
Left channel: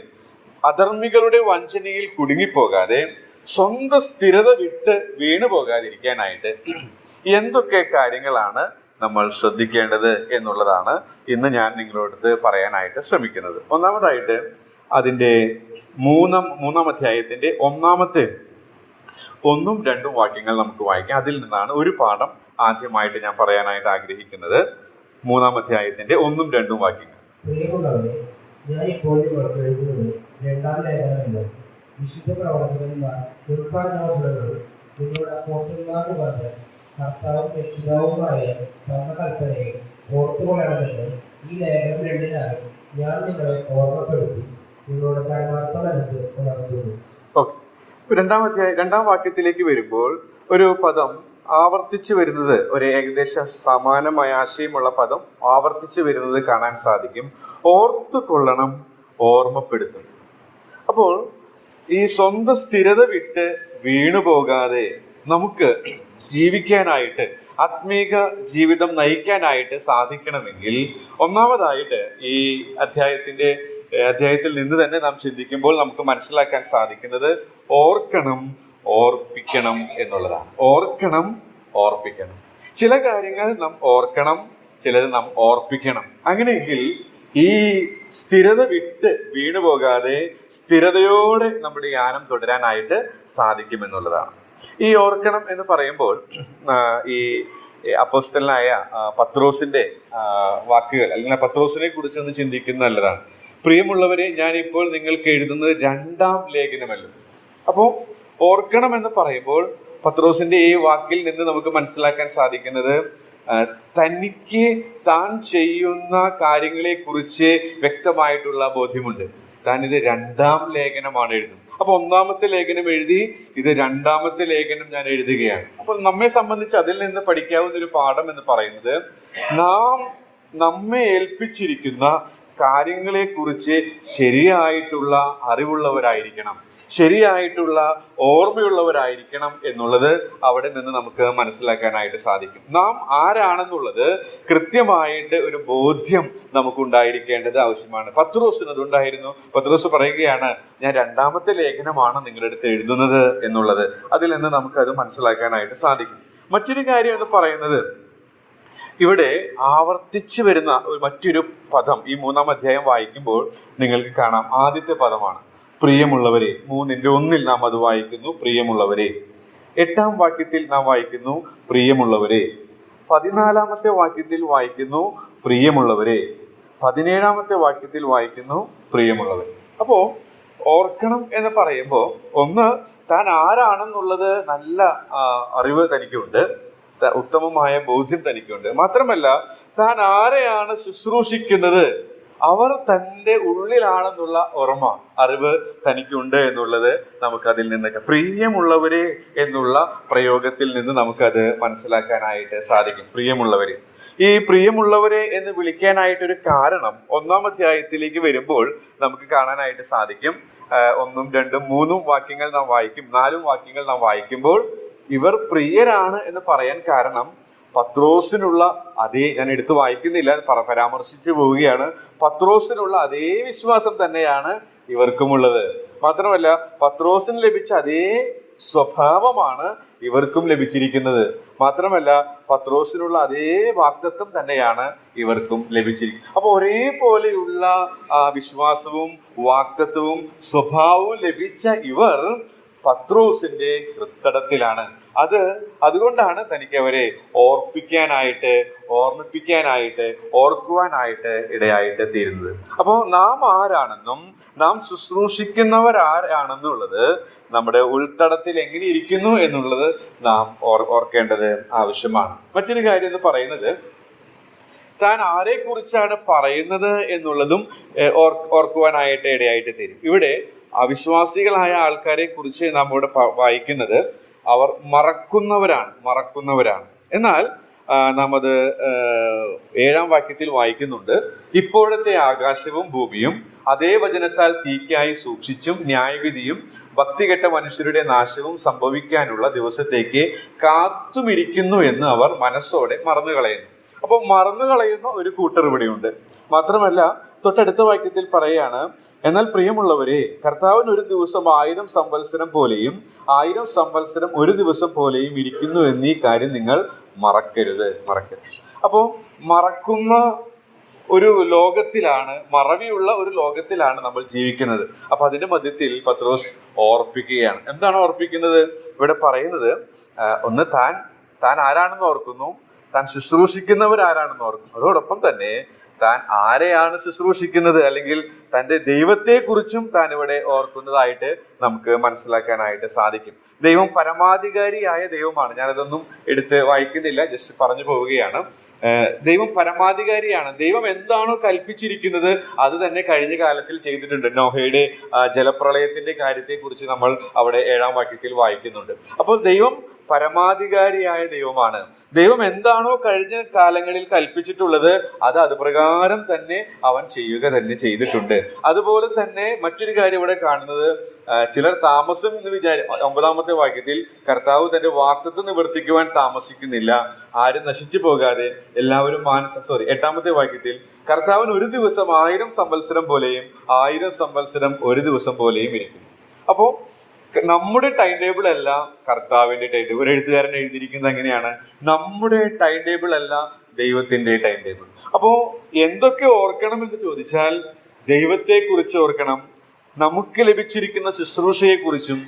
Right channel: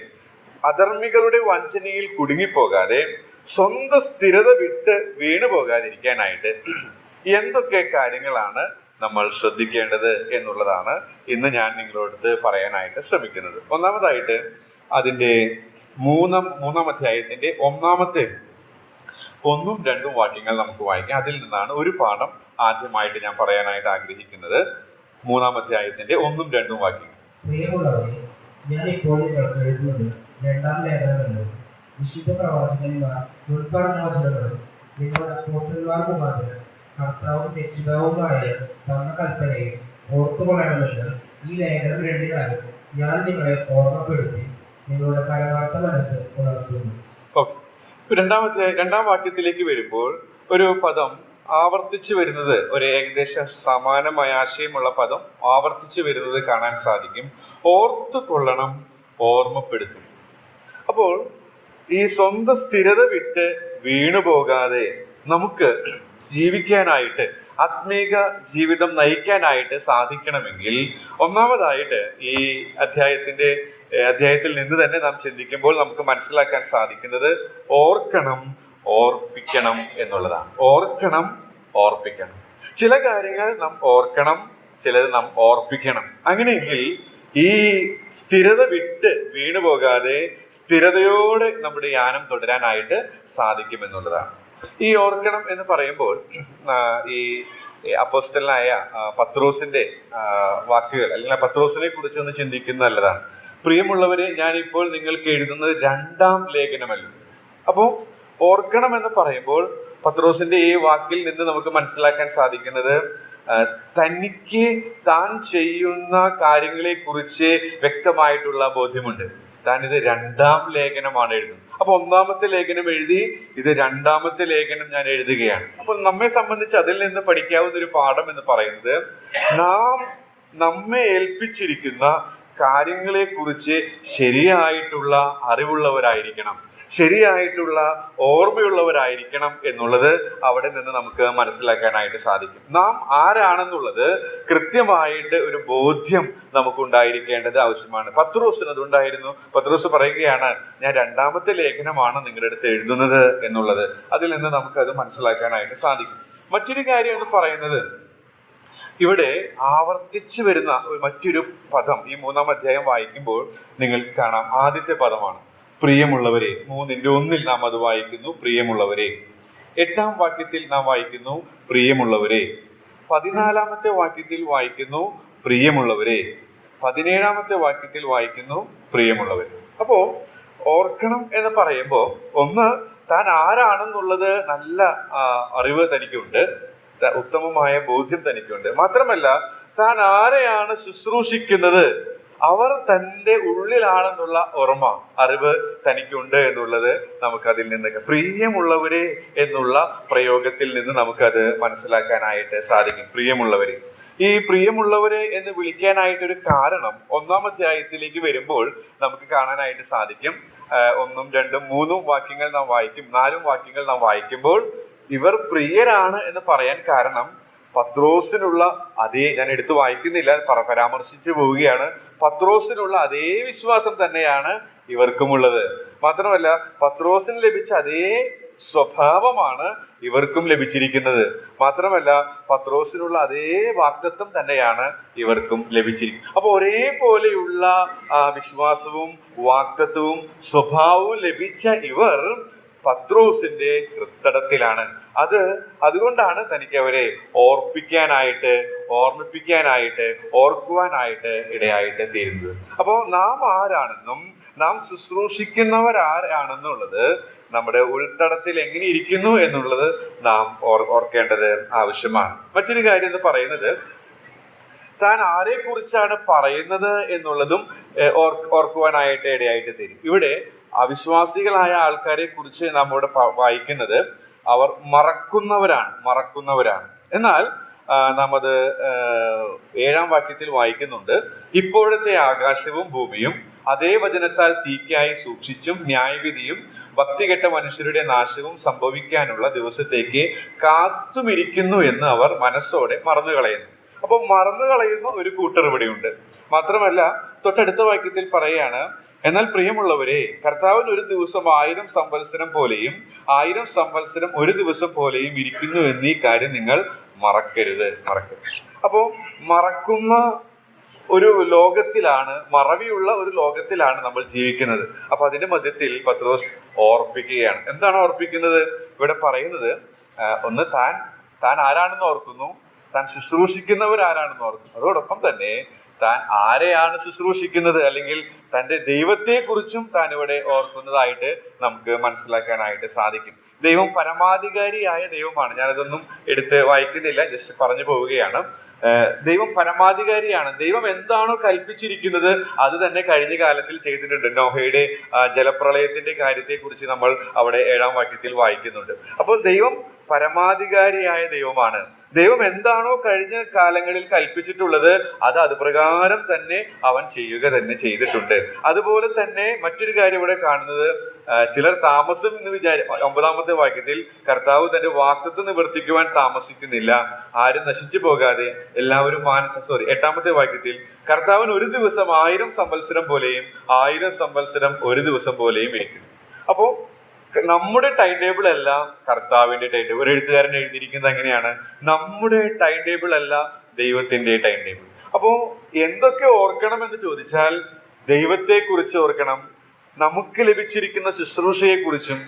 അധർമ്മികളുടെ വഞ്ചനയിൽ കുടുങ്ങിപ്പോകാതെ, സ്വന്തം സ്ഥിരത വിട്ട് വീണു പോകാതിരിക്കാനായിട്ട് എന്തൊക്കെ കാര്യങ്ങളാണ് നമ്മൾ ശ്രദ്ധിക്കേണ്ടത് എന്നുള്ളതാണ് ഇന്ന് ഞാൻ നിങ്ങളോട് പറയാനായിട്ട് ശ്രമിക്കുന്നത്. ഒന്നാമതായിട്ട് അതിന്റെ 3-ാം അധ്യായത്തിന്റെ 1-ാമത്തെ ഒന്നും രണ്ടും വാക്യങ്ങൾ നമുക്ക് വായിക്കാം. അതിൽ നിന്നാണ് ഒരു പാഠം ആദ്യമായിട്ട് ഞാൻ പറയാനായിട്ട് ആഗ്രഹിക്കുന്നത്. 3-ാം അധ്യായത്തിന്റെ 1-2 വാക്യങ്ങൾ. പ്രിയമുള്ളവരെ, ഞാൻ ഇപ്പോൾ നിങ്ങൾക്ക് എഴുതുന്നത് രണ്ടാം ലേഖനമല്ലോ. വിശുദ്ധ പ്രവാചകന്മാർ മുൻപറഞ്ഞ വചനങ്ങളും നിങ്ങളുടെ അപ്പോസ്തലന്മാർ മുഖാന്തരം കർത്താവും രക്ഷിതാവുമായ തന്ന കൽപ്പനയെ ഓർത്തുകൊള്ളണമെന്ന് ഈ ലേഖനം രണ്ടിനാലും ഞാൻ നിങ്ങളെ ഓർമ്മപ്പെടുത്തി നിങ്ങളുടെ പരമാർത്ഥ മനസ്സ് ഉണർത്തുന്നു. രണ്ടാം വാക്യത്തിലേക്ക് വരുമ്പോൾ ഒരു പദം ആവർത്തിച്ചു വരുന്നത്, ഒരു ഏകദേശം സമാനമായ ആശയമുള്ള പദം ആവർത്തിച്ചു വരുന്നത് കാണാൻ സാധിക്കും. ഓർത്തുകൊള്ളണം, ഓർമ്മപ്പെടുത്തും. അപ്പോൾ ഈ സ്വന്തം സ്ഥിരത വിട്ട് വീണുപോകാതെ നമുക്ക് ജീവിക്കാനായിട്ട്, ആത്മീക ജീവിതം നയിക്കാനായിട്ട് സാധിക്കണമെങ്കിൽ ഒന്നാമതായിട്ട് ഈ അധ്യായത്തിൽ നിന്ന് തന്നെ നാം ചിന്തിക്കുമ്പോൾ നമുക്ക് മനസ്സിലാക്കാൻ സാധിക്കുന്നത് ഓർക്കണം, ഓർപ്പിക്കണം എന്നുള്ളതാണ്. ഓർക്കണം, ഓർപ്പിക്കണം. ചില കാര്യങ്ങൾ നാം ഓർക്കണം, ചിലത് നാം ഓർപ്പിക്കണം. അങ്ങനെയെങ്കിൽ ഈ സ്ഥിരത വിട്ട് വീണുപോകാതെ സ്ഥിരതയോടെ നമ്മുടെ യാനം തുടരാനായിട്ട് സാധിക്കുമെന്നുള്ളതാണ്. ഈ ഓർക്കണം എന്ന് പറയുമ്പോൾ ഈ അപ്പോസ്തലനായ പത്രോസിന്റെ വാക്കുകൾ, അല്ലെങ്കിൽ പത്രോസിനെ കുറിച്ചൊന്ന് ചിന്തിക്കുന്നത് നല്ലതാണ്. പ്രിയമുള്ളവരെ, ഞാനിപ്പോൾ നിങ്ങൾക്ക് എഴുതുന്നത് 2-ാം ലേഖനമല്ലോ. അപ്പോ ഓർക്കണം എന്ന് പറയുമ്പോൾ പത്രോസിന്റെ ഈ വാക്കിൽ നിന്ന് നമുക്ക് മനസ്സിലാക്കാൻ സാധിക്കുന്നത് തനിക്ക് താൻ ചെയ്യുന്ന കാര്യങ്ങളെ കുറിച്ച് വ്യക്തമായിട്ടുള്ള ബോധ്യമുണ്ട്. താൻ ഇത് 2-ാം ലേഖനമാണ് എഴുതുന്നത്. അപ്പൊ 1-ാമത്തെ ലേഖനം എഴുതി, ഇത് 2-ാമത്തെ ലേഖനം ഞാൻ എഴുതുകയാണ്. അപ്പോൾ നമ്മെ സംബന്ധിച്ച് അതിൽ നിന്ന് പഠിക്കാവുന്ന ഒരു പാഠം എന്ന് പറയുന്നത്, നമ്മെ ഏൽപ്പിച്ചിരിക്കുന്ന കാര്യങ്ങളെ കുറിച്ച് ശരിയായിട്ടുള്ള അറിവുള്ളവരായിരിക്കണം, ശരിയായിട്ടുള്ള ഓർമ്മയുള്ളവരായിരിക്കണം എന്നുള്ളത് അവിടെ നിന്ന് നമുക്ക് മനസ്സിലാക്കാനായിട്ട് സാധിക്കും. നാം ആരാണെന്നുള്ളത് കൃത്യമായിട്ട് ഒരു ബോധ്യം നമുക്കുണ്ടായിരിക്കേണ്ടത് ആവശ്യമാണ്. പത്രോസിന് അതുണ്ടായിരുന്നു. പത്രോസ് പറയുകയാണ്, ഞാൻ 2-ാമത്തെ ലേഖനമാണ് നിങ്ങളുടെ അടുത്ത് എഴുതുന്നത് എന്നുള്ളത്. അതിൽ നിന്ന് നമുക്കത് മനസ്സിലാക്കാനായിട്ട് സാധിക്കും. മറ്റൊരു കാര്യം എന്ന് പറയുന്നത്, ഇവിടെ ആവർത്തിച്ചു വരുന്ന മറ്റൊരു പദം ഈ 3-ാം അധ്യായം വായിക്കുമ്പോൾ നിങ്ങൾക്ക് കാണാം. ആദ്യത്തെ പദമാണ് പ്രിയമുള്ളവരെ. 3-1 നാം അത് വായിക്കുന്നു, പ്രിയമുള്ളവരെ. 8-ാം വാക്യത്തിൽ നാം വായിക്കുന്നു പ്രിയമുള്ളവരെ. 14-ാമത്തെ വാക്യത്തിൽ വായിക്കുന്നു പ്രിയമുള്ളവരെ. 17-ാമത്തെ വാക്യത്തിൽ വായിക്കുന്നു പ്രിയമുള്ളവരെ. അപ്പോ ഓർക്കണം എന്ന് പറയുമ്പോൾ ഒന്ന്, താൻ ആരാണെന്നുള്ളത് നല്ല അറിവ് തനിക്കുണ്ട്, ഉത്തമമായ ബോധ്യം തനിക്കുണ്ട്. മാത്രമല്ല, താൻ ആരെയാണ് ശുശ്രൂഷിക്കുന്നത്, അവർ തന്റെ ഉള്ളിലാണെന്നുള്ള ഓർമ്മ, അറിവ് തനിക്കുണ്ട് എന്നുള്ളത് നമുക്കതിൽ നിന്നൊക്കെ, പ്രിയമുള്ളവരെ എന്നുള്ള പ്രയോഗത്തിൽ നിന്ന് നമുക്കത് മനസ്സിലാക്കാനായിട്ട് സാധിക്കും. പ്രിയമുള്ളവരെ, ഈ പ്രിയമുള്ളവരെ എന്ന് വിളിക്കാനായിട്ടൊരു കാരണം 1-ാം അധ്യായത്തിലേക്ക് വരുമ്പോൾ നമുക്ക് കാണാനായിട്ട് സാധിക്കും. 1, 2, 3 വാക്യങ്ങൾ നാം വായിക്കും, 4 വാക്യങ്ങൾ നാം വായിക്കുമ്പോൾ ഇവർ പ്രിയരാണ് എന്ന് പറയാൻ കാരണം പത്രോസിനുള്ള അതേ, ഞാൻ എടുത്തു വായിക്കുന്നില്ല, പരാമർശിച്ചു പോവുകയാണ്, പത്രോസിനുള്ള അതേ വിശ്വാസം തന്നെയാണ് ഇവർക്കുമുള്ളത്. മാത്രമല്ല, പത്രോസിന് ലഭിച്ച അതേ സ്വഭാവമാണ് ഇവർക്കും ലഭിച്ചിരിക്കുന്നത്. മാത്രമല്ല, പത്രോസിനുള്ള അതേ വാഗ്ദത്തം തന്നെയാണ് ഇവർക്കും ലഭിച്ചിരിക്കുന്നത്. അപ്പൊ ഒരേപോലെയുള്ള വിശ്വാസവും വാഗ്ദത്തവും സ്വഭാവവും ലഭിച്ച ഇവർ പത്രോസിന്റെ ഹൃദയത്തിലാണ്. അതുകൊണ്ടാണ് തനിക്ക് അവരെ ഓർപ്പിക്കാനായിട്ട്, ഓർമ്മിപ്പിക്കാനായിട്ട്, ഓർക്കുവാനായിട്ട് ഇടയായിട്ട് തീരുന്നത്. അപ്പോൾ നാം ആരാണെന്നും നാം ശുശ്രൂഷിക്കുന്നവർ ആരാണെന്നുള്ളത് നമ്മുടെ ഉൾത്തടത്തിൽ എങ്ങനെ ഇരിക്കുന്നു എന്നുള്ളത് നാം ഓർക്കേണ്ടത് ആവശ്യമാണ്. മറ്റൊരു കാര്യം എന്ന് പറയുന്നത്, താൻ ആരെ കുറിച്ചാണ് പറയുന്നത് എന്നുള്ളതും ഓർക്കുവാനായിട്ട് ഇടയായിട്ട് തീരും. ഇവിടെ അവിശ്വാസികളായ ആൾക്കാരെ കുറിച്ച് നാം ഇവിടെ വായിക്കുന്നത് അവർ മറക്കുന്നവരാണ്. എന്നാൽ നാം അത് 7-ാം വാക്യത്തിൽ വായിക്കുന്നുണ്ട്, ഇപ്പോഴത്തെ ആകാശവും ഭൂമിയും അതേ വചനത്താൽ തീക്കായി സൂക്ഷിച്ചും ന്യായവിധിയും ഭക്തികെട്ട മനുഷ്യരുടെ നാശവും സംഭവിക്കാനുള്ള ദിവസത്തേക്ക് കാത്തുമിരിക്കുന്നു എന്ന് അവർ മനസ്സോടെ മറന്നുകളയുന്നു. അപ്പൊ മറന്നുകളയുന്ന ഒരു കൂട്ടർ ഇവിടെയുണ്ട്. മാത്രമല്ല, തൊട്ടടുത്ത വാക്യത്തിൽ പറയാണ്, എന്നാൽ പ്രിയമുള്ളവരെ, കർത്താവിന് ഒരു ദിവസം 1000 സംവത്സരം പോലെയും 1000 സംവത്സരം ഒരു ദിവസം പോലെയും ഇരിക്കുന്നു എന്നീ കാര്യം നിങ്ങൾ മറക്കരുത്. അപ്പോ മറക്കുന്ന ഒരു ലോകത്തിലാണ്, മറവിയുള്ള ഒരു ലോകത്തിലാണ് നമ്മൾ ജീവിക്കുന്നത്. അപ്പൊ അതിന്റെ മധ്യത്തിൽ പത്രോസ് ഓർപ്പിക്കുകയാണ്. എന്താണ് ഓർപ്പിക്കുന്നത്? ഇവിടെ പറയുന്നത് ഒന്ന് താൻ ആരാണെന്ന് ഓർക്കുന്നു, താൻ ശുശ്രൂഷിക്കുന്നവർ ആരാണെന്ന് ഓർക്കുന്നു. അതോടൊപ്പം തന്നെ താൻ ആരെയാണ് ശുശ്രൂഷിക്കുന്നത് അല്ലെങ്കിൽ തന്റെ ദൈവത്തെ കുറിച്ചും താൻ ഇവിടെ ഓർക്കുന്നതായിട്ട് നമുക്ക് മനസ്സിലാക്കാനായിട്ട് സാധിക്കും. ദൈവം പരമാധികാരിയായ ദൈവമാണ്. ഞാനിതൊന്നും എടുത്ത് വായിക്കുന്നില്ല, ജസ്റ്റ് പറഞ്ഞു പോവുകയാണ്. ദൈവം പരമാധികാരിയാണ്. ദൈവം എന്താണോ കൽപ്പിച്ചിരിക്കുന്നത് അത് തന്നെ കഴിഞ്ഞ കാലത്തിൽ ചെയ്തിട്ടുണ്ട്. നോഹയുടെ ജലപ്രളയത്തിന്റെ കാര്യത്തെ കുറിച്ച് നമ്മൾ അവിടെ 7-ാം വാക്യത്തിൽ വായിക്കുന്നുണ്ട്. അപ്പോൾ ദൈവം പരമാധികാരിയായ ദൈവമാണ്. ദൈവം എന്താണോ കഴിഞ്ഞ കാലങ്ങളിൽ കൽപ്പിച്ചിട്ടുള്ളത് അത് പ്രകാരം തന്നെ അവൻ ചെയ്യുക തന്നെ ചെയ്തിട്ടുണ്ട്. അതുപോലെ തന്നെ മറ്റൊരു കാര്യം ഇവിടെ കാണുന്നത്, ചിലർ താമസം എന്ന് 9-ാമത്തെ വാക്യത്തിൽ കർത്താവ് തന്റെ വാഗ്ദത്തം നിവർത്തിക്കുവാൻ താമസിക്കുന്നില്ല, ആരും നശിച്ചു പോകാതെ എല്ലാവരും 8-ാമത്തെ വാക്യത്തിൽ കർത്താവിന് ഒരു ദിവസം 1000 സംവത്സരം പോലെയും 1000 സംവത്സരം ഒരു ദിവസം പോലെയും ഇരിക്കുന്നു. അപ്പോ നമ്മുടെ ടൈം ടേബിൾ അല്ല കർത്താവിന്റെ ടൈം ടേബിൾ. ഒരു എഴുത്തുകാരൻ എഴുതിയിരിക്കുന്നത് എങ്ങനെയാണ്? നമ്മുടെ ടൈം ടേബിൾ അല്ല ദൈവത്തിന്റെ ടൈം ടേബിൾ. അപ്പോ എന്തൊക്കെ ഓർക്കണം എന്ന് ചോദിച്ചാൽ, ദൈവത്തെ കുറിച്ച് ഓർക്കണം, നമുക്ക് ലഭിച്ചിരിക്കുന്ന ശുശ്രൂഷയെ കുറിച്ചും